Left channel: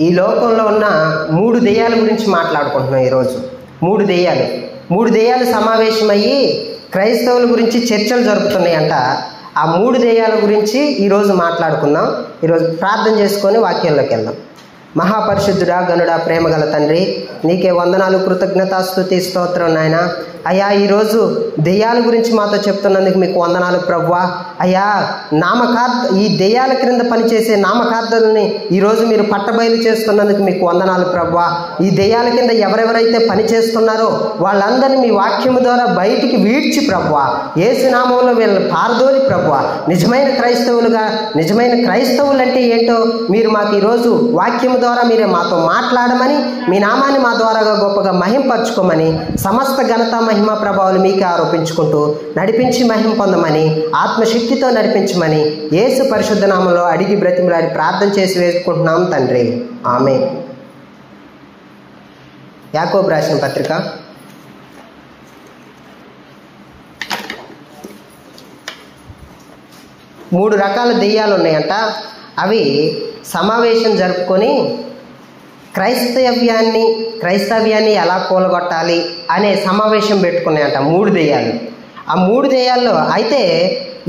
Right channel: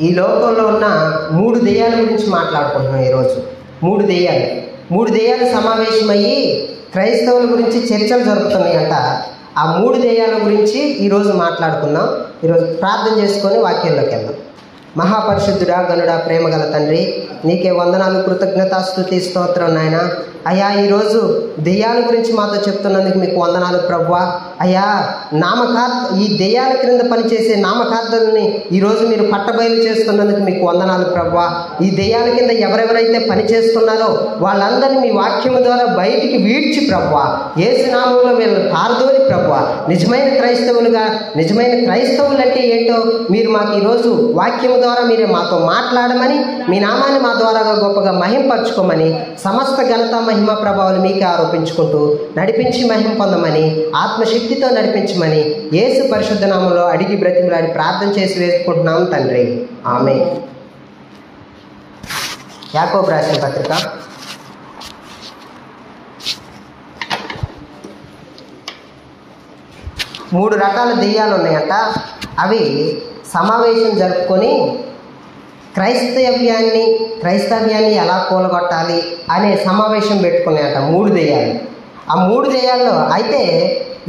ఈ లోకంలో ఉన్న 3 దెయ్యాల గురించి మాట్లాడుకుంటున్నాం ఈరోజు. 3 దెయ్యాలు సమావేశమయ్యి క్రైస్తవుల గురించి చర్చలు జరుపుతున్నాయంట. ఆ 3 దెయ్యాల గురించి ఈరోజు మాట్లాడుకుందాం. ఈరోజు ప్రార్థన చేసుకొని వాక్యంలోకి వెళ్దాం. మహాపరిశుద్ధుడా, గనుడా, ప్రేమగల తండ్రి, నీకే వందనాలు, కృతజ్ఞతాస్తుతి, స్తోత్రం నాయన. అయ్యా, ఈరోజు దెయ్యాల గురించి మాతో చెప్తున్నందుకు మీకు వందనాలు ప్రభువా. అయ్యా, ఈ దెయ్యాల క్రింద పనిచేసే నామకార్థులని ఈరోజు మీరు పట్టబయలు చేస్తున్నందుకు మీకు వందనాలు ప్రభువా. ఈ దెయ్యాల కింద ఎవరెవరైతే పని చేస్తున్నారో వాళ్ళందరినీ మీ వాక్యం ద్వారా బయటికి వీడ్చి ప్రభువా, యేసు నామములో వీళ్ళని పారదోలి ప్రభువా, నిజమైన క్రైస్తవులు అంటే ఏంటో మీరు మాకు ఈరోజు వాక్యం ద్వారా మీరే మాతో మాట్లాడమని, మీ నామాన్ని మా ద్వారా గొప్పగా మహింపరచుకోమని, సమస్త ఘనత మహిమ ప్రభావాలు మీకే ఆరోపించుకుంటూ నడిపించి మహిమ పొందమని, ఆత్మశక్తితో నడిపించమని యేసు పరిశుద్ధ నామములో అడిగి బ్రతిమలాడి ప్రార్థన చేసి వేసుకుంటున్నాం తండ్రి, ఆమేన్. యాకోబు రాసిన పత్రిక 3 రకాల దెయ్యాలు ఉన్నాయంట. అవి సమావేశం జరుపుకొని క్రైస్తవ్యాన్ని ఎలా కూలగొట్టాలి అనే సమావేశం పెట్టుకున్నాయంట 3 దెయ్యాలు. ఆ 3 దెయ్యాల్లో అయితే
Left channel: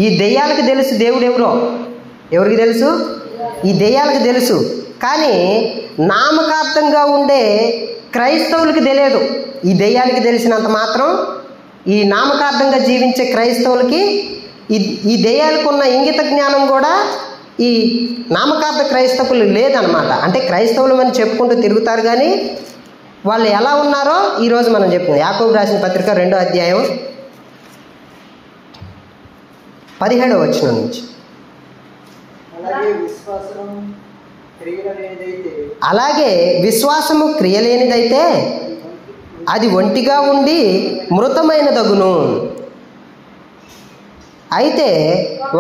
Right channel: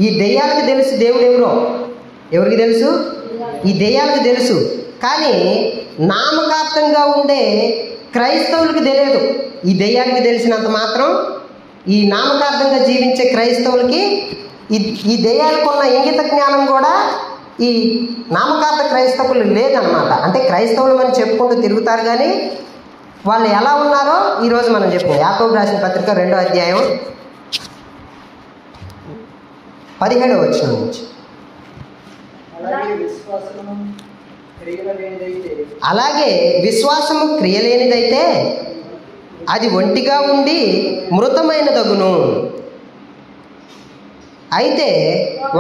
ఈ దెయ్యాలకు తెలుసు దేవుడు ఎవరో. ఎవరికి తెలుసు? ఈ దెయ్యాలకు తెలుసు. కానీ నామకార్థంగా ఉండే క్రైస్తవులకి తెలియదు. ఈ దెయ్యానికి తెలిసినంత మాత్రం ఈ నామకార్థంగా జీవించే క్రైస్తవులకి ఈ దెయ్యాలకు ఉన్న ఇంగిత జ్ఞానం కూడా ఈ నామకార్థ క్రైస్తవులు లేదనమాట. అంటే క్రైస్తవులు అని చెప్పుకుంటూ తిరుగుతారు, కానీ వాళ్ళు ఎలా ఉన్నారో ఈరోజు మనం చెప్పుకుందాం. యాకోబు రాసిన పత్రిక 2వ అధ్యాయం 17వ వచనం నుంచి. అలాగే విశ్వాసము క్రియలేనిదైతే అది ఒంటిగా ఉండి మృతమైనదగును. అయితే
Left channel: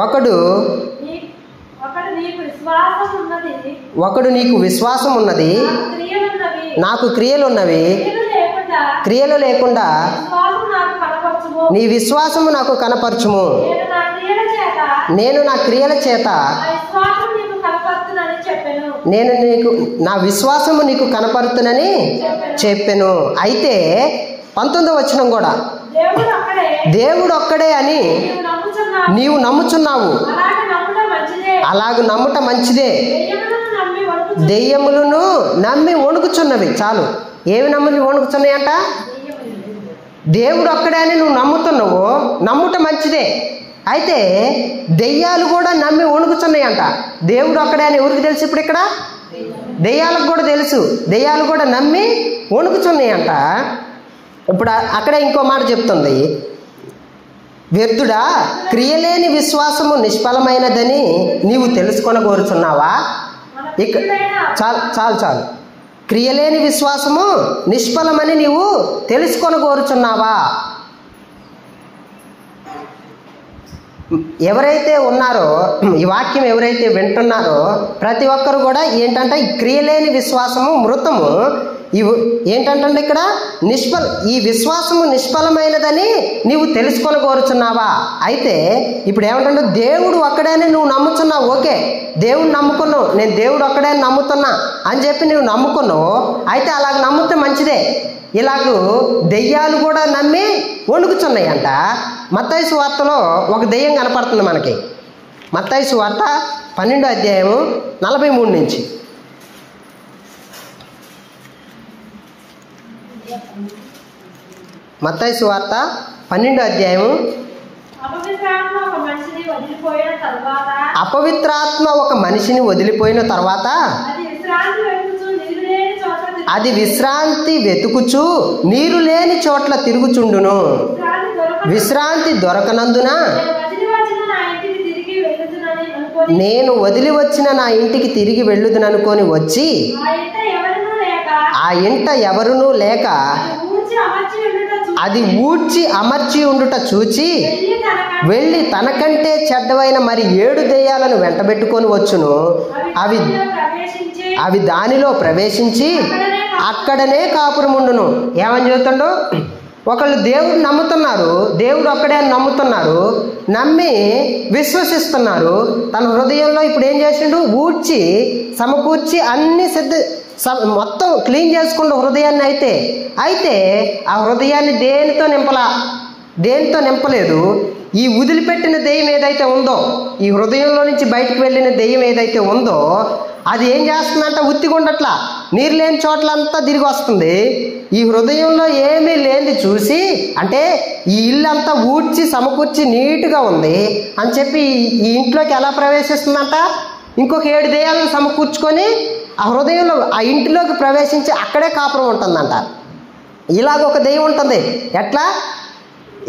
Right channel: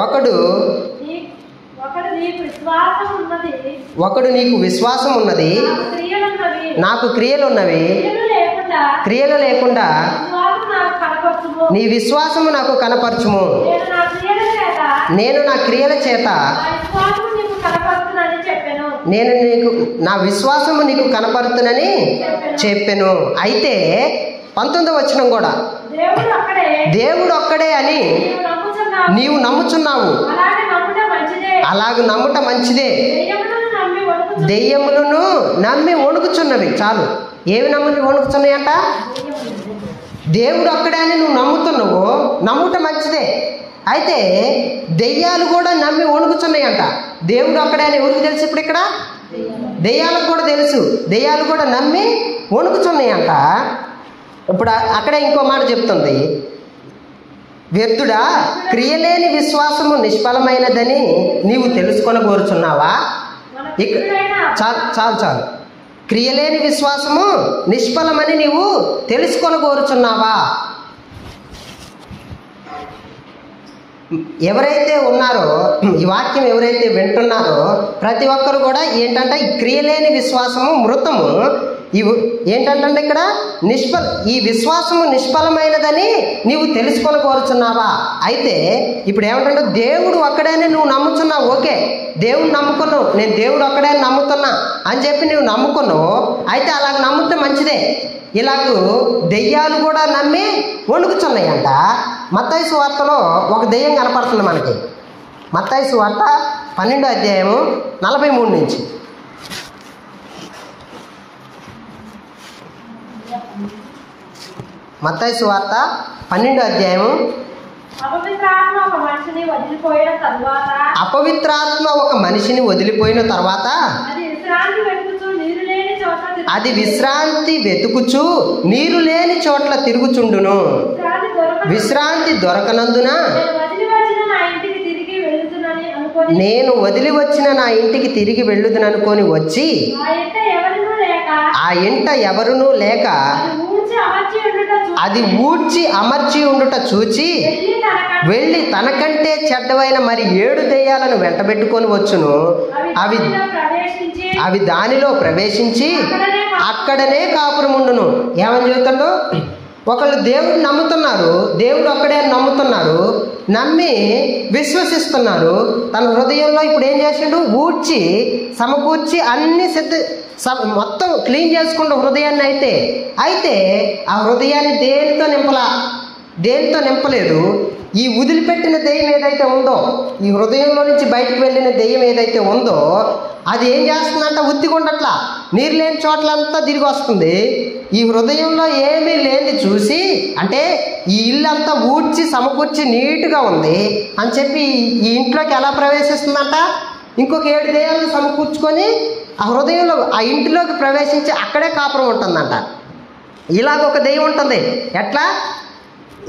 ఒకడు నీకు విశ్వాసం ఉన్నది, నాకు క్రియలున్నవి, క్రియలు లేకుండా నీ విశ్వాసము నాకు కనపరచుము, నేను నా క్రియల చేత నా విశ్వాసము నీకు కనపరుతునని చెప్పెను. అయితే 19వ వచనం కూడా, దేవుడు ఒక్కడే అని నీవు నమ్ముచున్నావు, అలాగ నమ్ముట మంచిదే. దెయ్యములను నమ్మి వణుకుచున్నవి. చాలు. ఏమి నమ్మి వణుకుతున్నాయంట? దేవుడు ఒక్కడే అని నువ్వు నమ్ముతున్నావు, నమ్ముట మంచిదే. అయితే దెయ్యాలు కూడా నమ్మి వణుకుతున్నాయంట. దేవుడు ఒక్కడే అని ఎవరికి తెలుసు? ఇప్పుడు ఇక్కడ దెయ్యాలకు కూడా తెలుసు. దెయ్యాలు కూడా నమ్మి వణుకుతున్నాయంట. ఇప్పుడు అక్కడే ఇంకో మాట చెప్తుంది, వ్యర్థుడా, క్రియలేని విశ్వాసము నిష్ఫలమైనదని నీవు తెలుసుకొనగోరుచున్నావా? చాలు. క్రియలేని విశ్వాసము నిష్ఫలమని నీవు తెలుసుకొనగోరుచున్నావా? ఎవరైతే ఉన్నారో, ఈ వాక్యం ఎవరైతే వింటున్నారో ప్రతి ఒక్కరు కూడా ఏంటంటే ఈ క్రియలేని విశ్వాసము మృతము. ఏంటంటే ఇక్కడ ఈ విశ్వాసము నిష్ఫలమైనదని నీవు తెలుసుకొని కోరుచున్నావా? అయితే ఇప్పుడు ఏమంటే దేవుడు ఒక్కడేనే నువ్వు నమ్ముతున్నావు. ఓకే, దేవుడు నమ్ముకున్నావు, నేను దేవుడు ఒక్కడే నమ్ముతున్నా అని చెప్పి నువ్వు నమ్ముకున్నావు. అయితే అలా నమ్మితే మంచిదే. ఇలాగూ దెయ్యాలు కూడా నమ్మి వణుకుచున్నాయంట. మత్తయి సువార్తలో ఒక దెయ్యం కనపడుతుంది మనకి. మత్తయి సువార్త 12వ అధ్యాయము 43 నుంచి. మత్తయి సువార్త 12వ అధ్యాయము. అపవిత్రాత్మ ఒక మనిషిని వదిలిపోయిన తర్వాత అది విశ్రాంతి వెతుకుచు నీరు లేని చోట్ల తిరుగుచుండును. విశ్రాంతి దొరకనందున నేను వదిలి వచ్చిన నా ఇంటికి తిరిగి వెళ్ళుదుననుకొని వచ్చి ఆ ఇంట ఎవరునూ లేక అది ఊడ్చి అమర్చి ఉండుట చూచి వెళ్ళి తనకంటే చెడ్డవైన మరి 7 దెయ్యాలను వెంటబెట్టుకొని వచ్చును. అవి దానిలో ప్రవేశించి అక్కడనే కాపురముండును. ఏమని చెబుతాడు? ఒకళ్ళు దేవుడు నమ్ముతున్నారు, దేవుడు ఒక్కడే నమ్ముతున్నారు. నమ్మి విశ్వసిస్తున్నారు. తన హృదయంలో ఇప్పుడు ఏం చేసిండు? ఊడ్చి సమకూర్చి అన్ని మొత్తం క్లీన్ చేసుకుంటూ హృదయాన్ని అయితే ఆ హృదయాన్ని దేనితో నింపలేదు. ఈ వదిలిపెట్టిన దెయ్యం ఏదైతే ఉందో, ఈ హృదయంలో నుంచి బయటకు వెళ్ళిన దెయ్యం ఏదైతే ఉందో అది ఏం చేస్తుందంటే ఉత్తిగుండట్లా నీరు లేని చోట్లంతా తిరిగి వస్తుంది. ఈ హృదయంలో ఏమీ లేని చూసి, అంటే ఈ ఇల్లు అంతా ఊడ్చి సమకూర్చి నీట్గా ఉంది అని చెప్పి ఈ ఇంట్లోకి ఎలా ప్రవేశిస్తుందంట? ఇంకొక 7 దెయ్యాలను సమకూర్చుకొని ఆ హృదయంలో ఆ ఇంటిలోకి ప్రవేశించి అక్కడే కాపురం ఉంటుందంట. ఇలాగ ఒక దెయ్యం ఉంటుంది. ఎట్లా?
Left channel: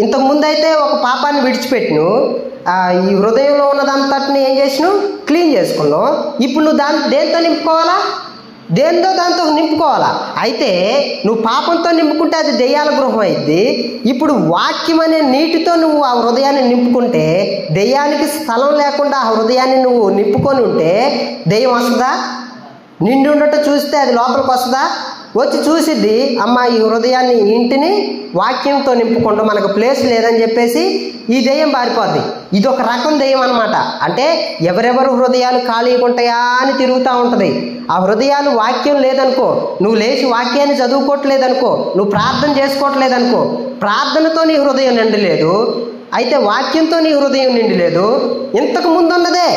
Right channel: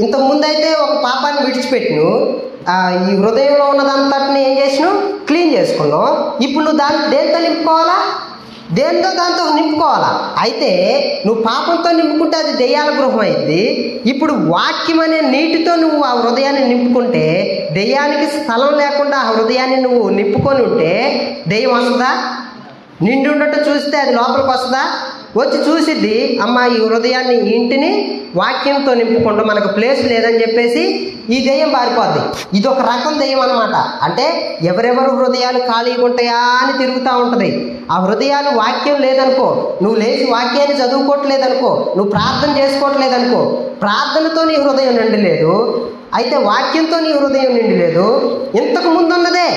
ఇంతకుముందైతే ఒక పాపాన్ని విడిచిపెట్టును, ఈ హృదయంలో ఉన్నదంతటిని ఏం చేసినావు? క్లీన్ చేసుకున్నావు. ఇప్పుడు నువ్వు దేంతో నింపుకోవాలా? దాంతో నింపుకోవాలా? అయితే నువ్వు పాపంతో నింపుకుంటే అది దెయ్యాల గృహం అయింది. ఇప్పుడు వాక్యం అనే నీటితో నువ్వు ఆ హృదయాన్ని నింపుకుంటే, దెయ్యానికి స్థలం లేకుండా ఆ హృదయాన్ని నువ్వు నింపుకొని ఉంటే దెయ్యం వస్తుందా? నిండి ఉండటం చూస్తే అది లోపలికి వస్తుందా? వచ్చి చూసిద్ది, అమ్మ ఈ హృదయాన్ని ఇంటిని వాక్యంతో నింపుకుంటూ మనకు ప్లేస్ లేదని చెప్పేసి ఈ దెయ్యం పారిపోద్ది. ఇది ఒక రకం దెయ్యం అనమాట. అంటే ఎవరెవరు హృదయాలు ఖాళీగా ఉంటాయా అని తిరుగుతూ ఉంటుంది. ఆ హృదయాలు వాక్యం లేదనుకో, నువ్వు లేచి వాక్యాన్ని చదువుకోవట్లేదనుకో, నువ్వు ప్రార్థన చేసుకోవట్లేదనుకో, ప్రార్థనతో నీ హృదయం నిండలేదు, అయితే వాక్యంతో నీ హృదయం నిండలేదు. ఇంతకు ముందున్నదే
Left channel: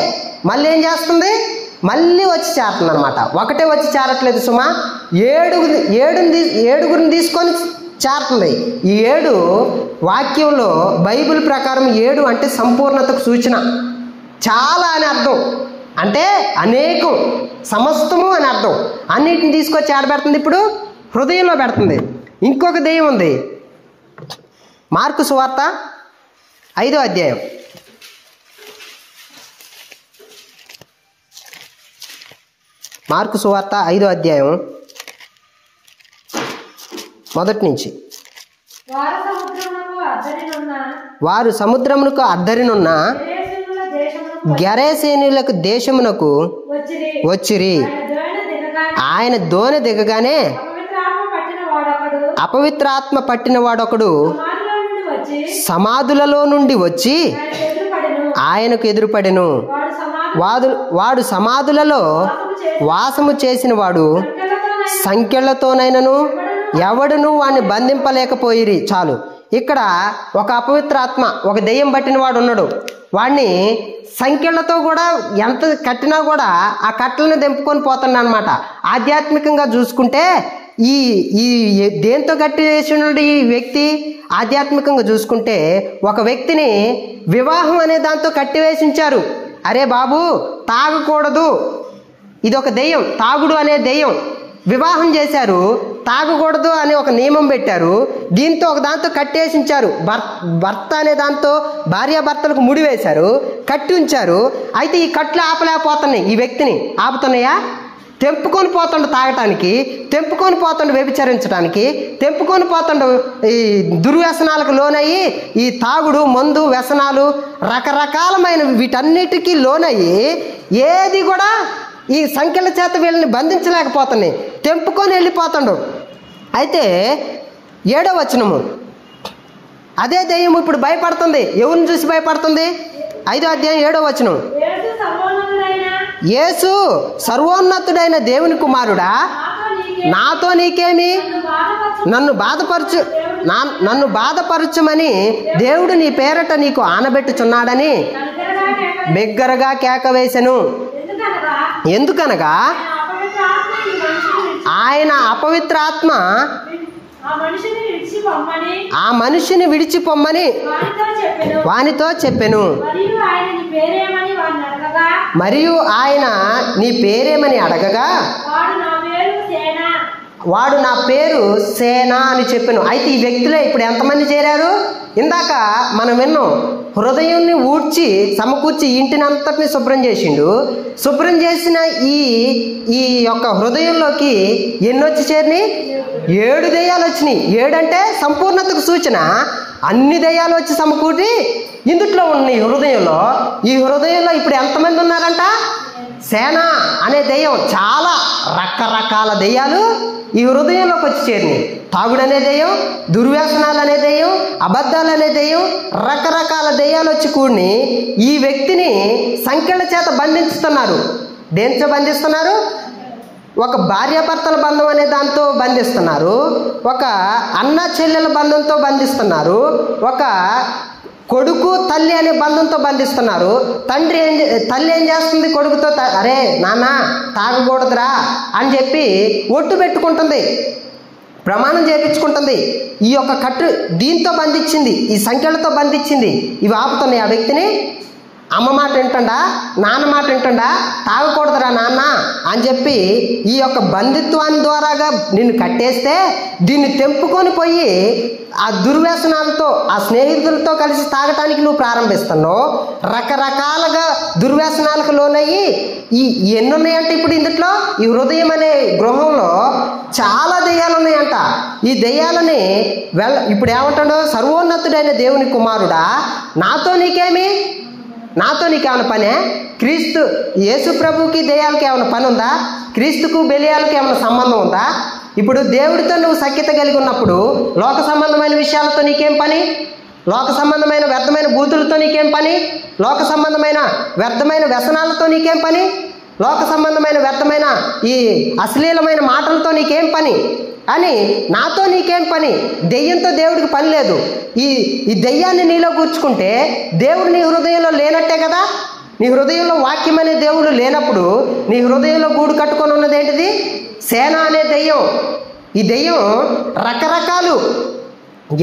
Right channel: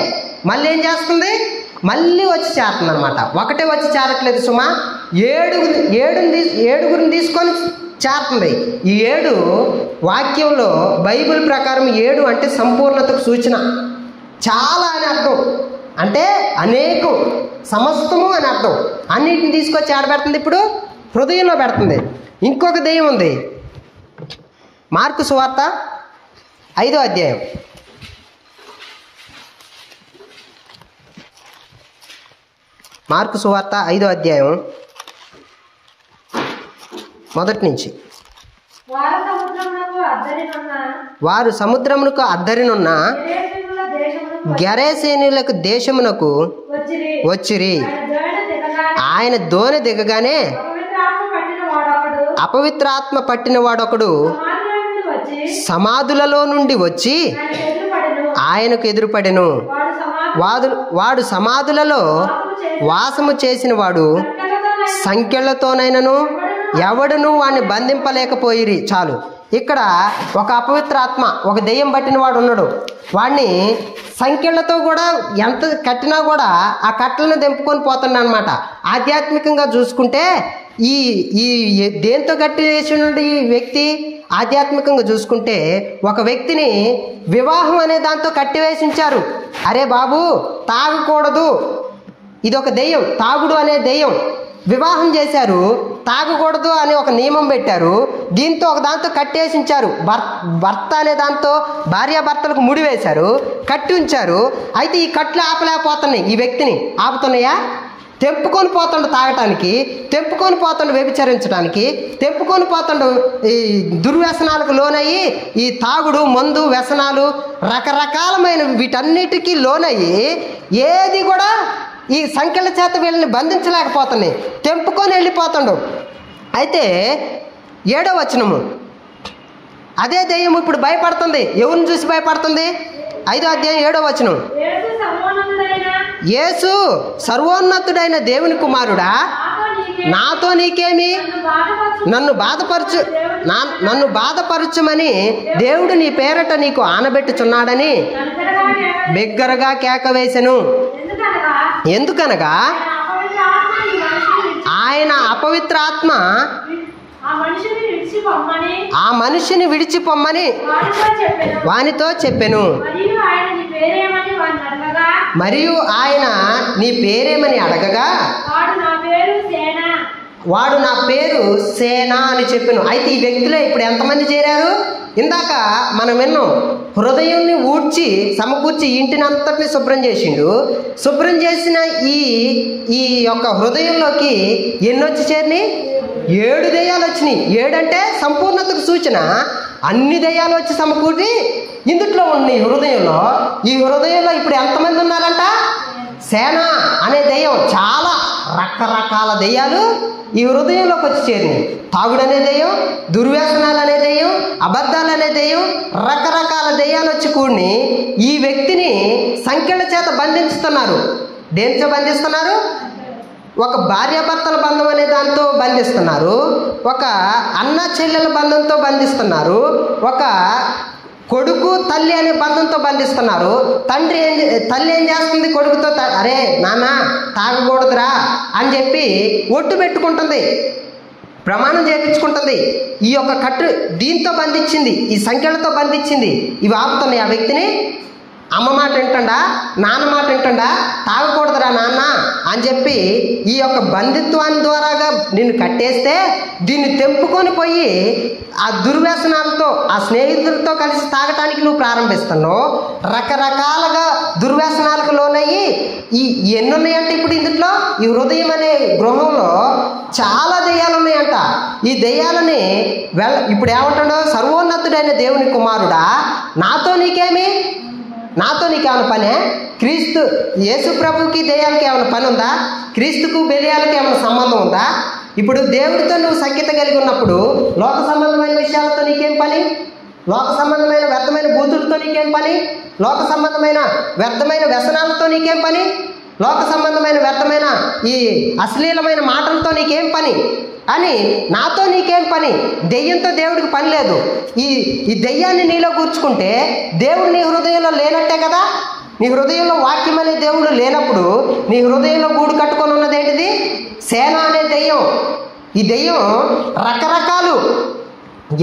మళ్ళీ ఏం చేస్తుంది? మళ్ళీ వచ్చి చేరుతుంది అనమాట. ఒకటే వచ్చి చేరట్లేదు సుమా, ఏడుగురిని తీసుకొని చేరుతుంది. ఈ 7 వాక్యంలో బైబిల్ ప్రకారం 7 అంటే సంపూర్ణతకు సూచన. చాలా అని అర్థం, అంటే అనేకం, సమస్తము అని అర్థం. అన్నిటిని తీసుకొచ్చి ఆడబెడుతుంది, ఇప్పుడు హృదయంలో పెడుతుంది. ఇంకొక దెయ్యం ఉంది. మార్కు సువార్త 5వ అధ్యాయం. మార్కు సువార్త 5వ అధ్యాయం మొదటి నుంచి. వారు సముద్రమునకు అద్దరినున్న గెరసేనులకు దేశమునకు వచ్చిరి. ఆయన దోణి దిగగానే అపవిత్రాత్మ పట్టిన వాడొకడు సమాధులలో నుండి వచ్చి ఆయనకు ఎదురుపడెను. వాడు సమాధులలో వాసము చేసిన వాడు సంఖ్యలతోనైనను ఎవడును వాడిని బంధింపలేకపోయిరి. చాలు. ఇక్కడ ఒక అపవిత్రాత్మ, ఒక దెయ్యం పట్టిన వాడు ఉన్నాడు. వాడిని సంఖ్యలతో కూడా ఎంత కట్టినా కూడా ఆ కట్టలను దింపుకొని పోతున్నాడు అనమాట. ఆధ్యాత్మికంగా చూసుకుంటే ఈ దేంతో కట్టి వేసినాడు ఈ వ్యక్తి? ఆధ్యాత్మికంగా చూసుకుంటే ఒక వ్యక్తిని వివాహం అనే దాంతో కట్టివేసించారు. అరే బాబు తాగకూడదు, ఇదొక దెయ్యం, తాగుడు అనే దెయ్యం. వివాహం చేశారు, తాగకూడదు అని ఒక నియమం పెట్టారు. దీంతో ఒక దాంతో కట్టేసించారు. భర్త అనే దాంతో భార్యాభర్తలకు ముడి వేశారు, కట్టి ఉంచారు. అయితే ఈ కట్లు ఆపలేకపోతున్నాయి, ఈ వ్యక్తిని ఆపుతున్నాయా? తెంపుకొని పోతుండు తాగటానికి, తెంపుకొని పోతుండు వ్యభిచరించడానికి, తెంపుకొని పోతుండు ఈ దుర్వ్యసనాలకు లోనయ్యి, ఈ తాగుడు, మందు, వ్యసనాలు, రకరకాలమైన వీటన్నిటికీ లోనయ్యి ఏది కూడా ఈ సంఖ్యల చేత వీళ్ళని బంధించలేకపోతున్నాయి, తెంపుకొని వెళ్ళిపోతుండు. అయితే 7వ వచనము, అదే దెయ్యం ఇప్పుడు భయపడుతుంది. ఎవరిని చూసి భయపడుతుంది? 5వ అధ్యాయం 7వ వచనం. యేసు సర్వోన్నతుడైన దేవుని కుమారుడా, నాతో నీకేమి? నన్ను బాధపరచుమని దేవుడు నీ పేరట నీకు ఆనబెట్టుచున్నాడని బిగ్గరగా కేక వేసెను. ఎందుకనగా ఆయన అపవిత్రాత్మ ఆ మనిషిని విడిచిపోమ్మని వానితో చెప్పెను. మరియు ఆయన నీ పేరేమని అడగగా వాడు నా పేరు సేన అని చెప్పెను. అయితే ఈ వ్యక్తులే ఇప్పుడు ఎంతమంది చేరారు? ఇందాక మనం విన్నాం, హృదయాన్ని ఊడ్చి సమకూర్చి ఇంటిని అంతటిని శుభ్రం చేసిండు. శుభ్రం చేసిన ఈ యొక్క హృదయంలోకి ఎన్నొచ్చి చేరినాయి? 7 దెయ్యాలు వచ్చినాయి. 7 అంటే సంపూర్ణతకు సూచన. అన్ని దెయ్యాలు వచ్చి సమకూడి ఇందుట్లో ఉన్నాయి హృదయంలో. ఈ హృదయంలో ఇప్పుడు ఎంతమంది ఉన్నారంట? సేన అనే దెయ్యం, చాలా రకరకాల దెయ్యాలు ఈ హృదయంలోకి వచ్చి చేరినాయి. తాగుడు అనే దెయ్యం, దుర్వ్యసనాలు అనే దెయ్యం, అబద్ధాలు అనే దెయ్యం, రకరకాల దెయ్యాలు వచ్చి కూడి ఈ వ్యక్తిని సంకెళ్ళ చేత బంధిస్తున్నారు. దేనితో బంధిస్తున్నారు? ఒక భార్యాభర్తల బంధం అనే దాంతో బంధిస్తున్నారు, ఒక అన్న చెల్లెల బంధంతో బంధిస్తున్నారు, ఒక కొడుకు తల్లి అనే బంధంతో బంధిస్తున్నారు. తల్లి ఏం చేస్తుంది? కొడుకుతో అరే నాన్న తాగకూడదురా అని చెప్పి ఒట్టు పెట్టుకుంటుంది, ప్రమాణం చేయించుకుంటుంది. ఈ యొక్క కట్టు దీంతో బంధించింది, ఈ సంఖ్యలతో బంధించింది. ఇవి ఆపుతున్నాయి ఆ వ్యక్తిని. అమ్మ మాట వింటుండా, నాన్న మాట వింటుండా, తాగకూడదురా నాన్న అని చెప్పి ఈ యొక్క బంధుత్వాన్ని ద్వారాగా నిన్ను కట్టేస్తే దీన్ని తెంపుకొని పోయి ఆ దుర్వ్యసనాలతో ఆ స్నేహితులతో కలిసి తాగటానికి నువ్వు ప్రారంభిస్తున్నావు. రకరకాలుగా దుర్వ్యసనాలకు లోనయ్యి ఎన్ని ఉన్నాయంటే ఇప్పుడు ఇందులో ఈ హృదయం అనే గృహంలో చాలా దెయ్యాలు ఉన్నాయంట. ఈ దెయ్యాలని ఇప్పుడు ఏమంటాడో, సర్వోన్నతుడైన దేవుని కుమారుడా నాతో నీకేమైనా పనే? క్రీస్తు యేసు ప్రభుకి దెయ్యాలకి ఏమైనా పని ఉందా? క్రీస్తుకు బెలియాలకి ఏమైనా సంబంధం ఉందా? ఇప్పుడు దేవుడితో నువ్వు సఖ్యత కలిగి ఉన్నప్పుడు లోక సంబంధమైన విషయాలతో నీకేం పని? లోక సంబంధమైన వ్యర్థమైన బూతులతో నీకేం పని? లోక సంబంధమైన వ్యర్థమైన వ్యసనాలతో నీకేం పని? లోక సంబంధమైన వ్యర్థమైన ఈ అశ్లీలమైన మాటలతో నీకేం పని అని, నాతో నీకేం పని? దెయ్యంతో దేవుడికి పని లేదు. ఈ దెయ్యాన్ని నీలో కూర్చుకుంటే దేవుడు నీ హృదయంలో లేనట్టే కదా. నీ హృదయంలో వాక్యం అనే దేవుడు లేనప్పుడు నీ హృదయంలో గూడు కట్టుకొని ఉన్నది ఏంటిది? సేన అనే దెయ్యం. ఈ దెయ్యం రకరకాలు,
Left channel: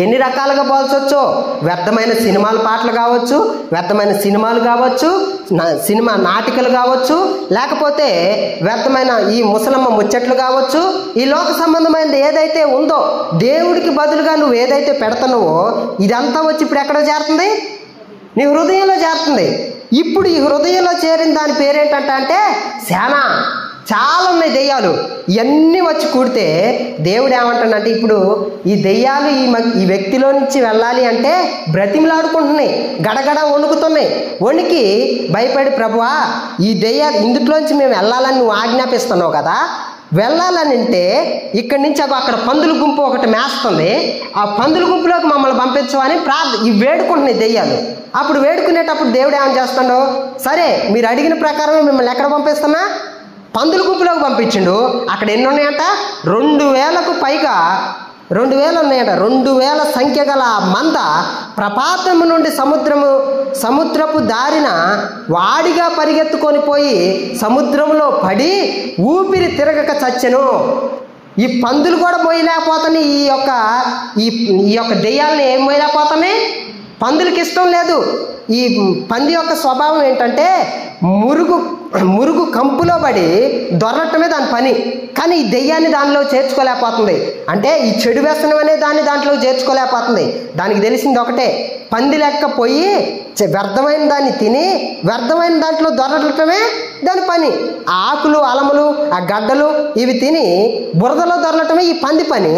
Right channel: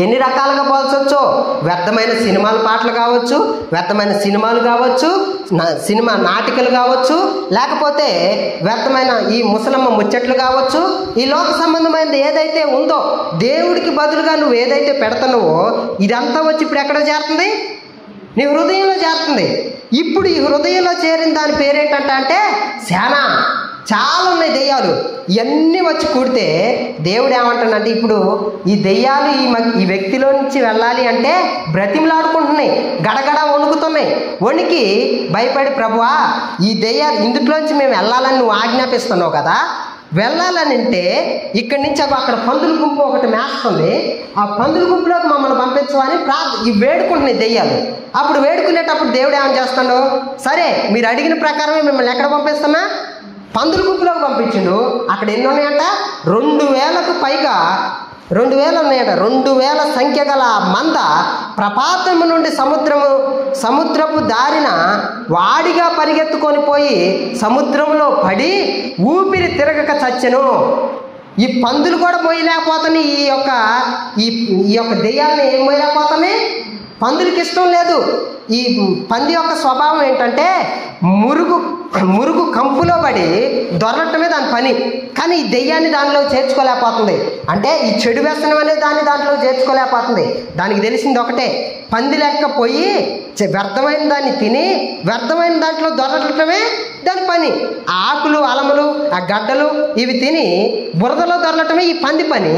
ఎన్ని రకాలుగా పోల్చొచ్చో. వ్యర్థమైన సినిమాల పాటలు కావచ్చు, వ్యర్థమైన సినిమాలు కావచ్చు, సినిమా నాటికలు కావచ్చు, లేకపోతే వ్యర్థమైన ఈ ముసలమ్మ ముచ్చట్లు కావచ్చు. ఈ లోక సంబంధమైనది ఏదైతే ఉందో దేవుడికి బదులుగా నువ్వు ఏదైతే పెడతావో ఇదంతా వచ్చి ఇప్పుడు ఎక్కడ చేరుతుంది? నీ హృదయంలో చేరుతుంది. ఇప్పుడు ఈ హృదయంలో చేరిన దాని పేరేంటంటే సేన. చాలా ఉన్నాయి దెయ్యాలు. ఇవన్నీ వచ్చి కూడితే దేవుడు ఏమంటాడంటే, ఇప్పుడు ఈ దెయ్యాలు ఈ వ్యక్తిలో నుంచి వెళ్ళాలి అంటే బ్రతిమలాడుకుంటున్నాయి, గడగడ వణుకుతున్నాయి. వణికి భయపడి, ప్రభువా ఈ దెయ్యాలు ఇందులోంచి మేము వెళ్ళాలని నువ్వు ఆజ్ఞాపిస్తున్నావు కదా, వెళ్ళాలని అంటే ఇక్కడి నుంచి అక్కడ పందుల గుంపు ఒకటి మేస్తుంది, ఆ పందుల గుంపులోకి మమ్మల్ని పంపించమని ఇవి వేడుకుంటున్నాయి దెయ్యాలు. అప్పుడు వేడుకునేటప్పుడు దేవుడు ఏమని చేస్తాడు? సరే మీరు అడిగిన ప్రకారమే మిమ్మల్ని ఎక్కడ పంపిస్తున్నా? పందుల గుంపులోకి పంపించిండు. అక్కడ ఎన్ని ఉన్నాయంట? 2000కు పైగా 2000 ఉన్నాయట. 2000 సంఖ్య గల మంద ప్రపాతము నుండి సముద్రపు దారిన వాడిగా పరిగెత్తుకొని పోయి సముద్రంలో పడి ఊపిరి తిరగక చచ్చెను. ఈ పందులు కూడా మోయలేకపోతున్నాయి. ఈ యొక్క దెయ్యాలను ఏం మోయలేకపోతున్నాయి? పందులకి ఇష్టం లేదు. ఈ పంది యొక్క స్వభావం ఏంటంటే మురుగు కంపులో పడి దొరలటమే దాని పని. కానీ ఈ దెయ్యాన్ని దానిలో చేర్చుకోలేకపోతుంది. అంటే ఈ చెడు వ్యసనం అనే దాంట్లో చేర్చుకోలేకపోతుంది. దానికి తెలిసింది ఒకటే, పంది లెక్క పోయి వ్యర్థమైన దాన్ని తిని వ్యర్థమైన దాంట్లో దొరలటమే దాని పని. ఆ ఆకులు, అలములు, ఆ గడ్డలు ఇవి తిని బురదలో దొరలటమే ఈ పంది పని.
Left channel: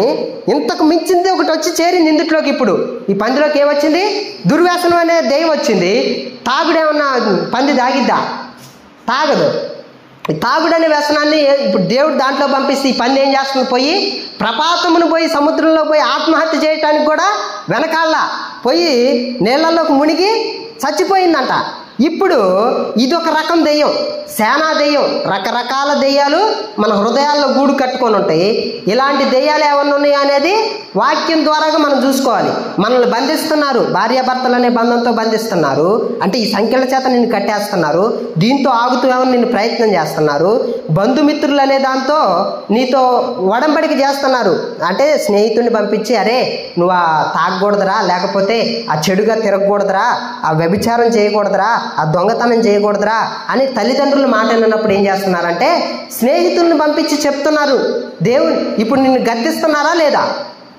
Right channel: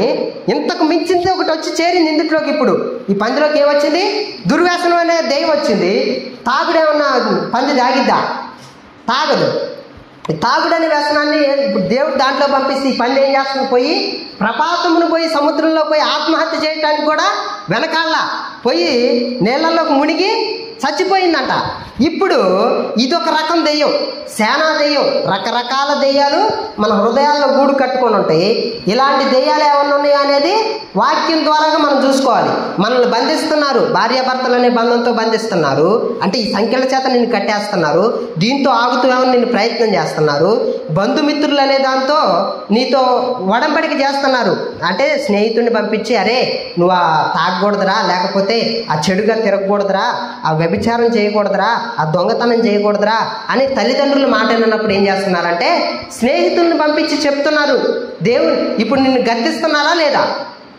ఇంతకు మించింది ఒకటి వచ్చి చేరింది ఇందులోకి. ఇప్పుడు ఈ పందిలోకి ఏమొచ్చింది? దుర్వ్యసనం అనే దెయ్యం వచ్చింది. తాగుడేమన్నా పంది తాగిద్దా? తాగదు. ఈ తాగుడనే వ్యసనాన్ని ఇప్పుడు దేవుడు దాంట్లో పంపిస్తే ఈ పంది ఏం చేస్తుంది? పోయి ప్రపాతమును పోయి సముద్రంలో పోయి ఆత్మహత్య చేయటానికి కూడా వెనకాల పోయి నీళ్ళలోకి మునిగి చచ్చిపోయిందంట. ఇప్పుడు ఇదొక రకం దెయ్యం, సేనా దెయ్యం. రకరకాల దెయ్యాలు మన హృదయాల్లో గూడు కట్టుకొని ఉంటాయి. ఇలాంటి దెయ్యాలు ఏమన్నా ఉన్నాయో అనేది వాక్యం ద్వారాగా మనం చూసుకోవాలి. మనల్ని బంధిస్తున్నారు, భార్యాభర్తలు అనే బంధంతో బంధిస్తున్నారు. అంటే ఈ సంఖ్యల చేత నిన్ను కట్టేస్తున్నారు. దీంతో ఆగుతూ ఏమన్నా నిన్ను ప్రయత్నం చేస్తున్నారు. బంధుమిత్రులు అనే దాంతో నీతో ఒడంబడిక చేస్తున్నారు. అంటే స్నేహితుడిని పంపించి, అరే నువ్వు తాగకూడదురా, లేకపోతే ఆ చెడుగా తిరగకూడదురా, ఆ వ్యభిచారం చేయకూడదురా, ఆ దొంగతనం చేయకూడదురా అని తల్లిదండ్రులు మాట విన్నప్పుడు ఏం చేస్తున్నారంటే స్నేహితుల్ని పంపించి చెప్తున్నారు. దేవుడు ఇప్పుడు నిన్ను గద్దిస్తున్నారా లేదా?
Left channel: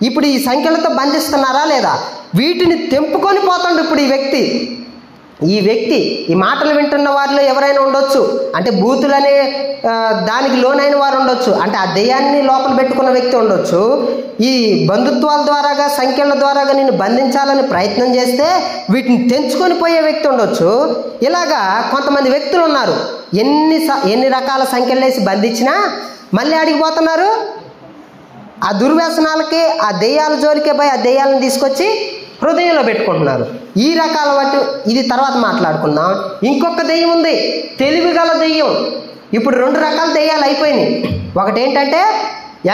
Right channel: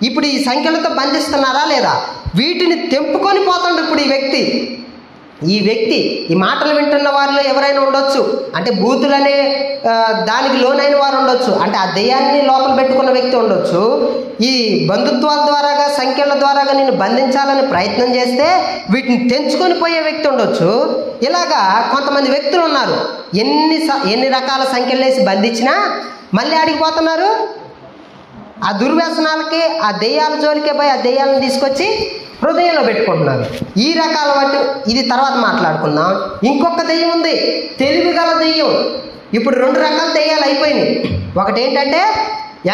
ఇప్పుడు ఈ సంఖ్యలతో బంధిస్తున్నారా లేదా? వీటిని తెంపుకొని పోతాడు ఇప్పుడు ఈ వ్యక్తి. ఈ మాటలు వింటున్న వారిలో ఎవరైనా ఉండొచ్చు, అంటే బూతులనే దానికి లోనైన వారు ఉండొచ్చు, అంటే ఆ దెయ్యాన్ని లోపల పెట్టుకున్న వ్యక్తి ఉండొచ్చు. ఈ బంధుత్వాల ద్వారాగా, సంఖ్యల ద్వారాగా నిన్ను బంధించాలని ప్రయత్నం చేస్తే వీటిని తెంచుకొని పోయే వ్యక్తి ఉండొచ్చు. ఇలాగా కొంతమంది వ్యక్తులు ఉన్నారు. ఎన్ని రకాల సంఖ్యలు వేసి బంధించినా మళ్ళీ అడిగిపోతున్నారు. ఆ దుర్వ్యసనాలకి, ఆ దెయ్యాల జోలికే పోయి ఆ దెయ్యాలను తీసుకొచ్చి హృదయంలో పెట్టుకుంటున్నారు. ఈ రకాల వాటి ఇది తర్వాత మాట్లాడుకుందాం. ఇంకొక దెయ్యం ఉంది, తెలివి గల దెయ్యం. ఇప్పుడు 2 రకాల దెయ్యాలు అయిపోయినాయి. ఒకటి ఏంటంటే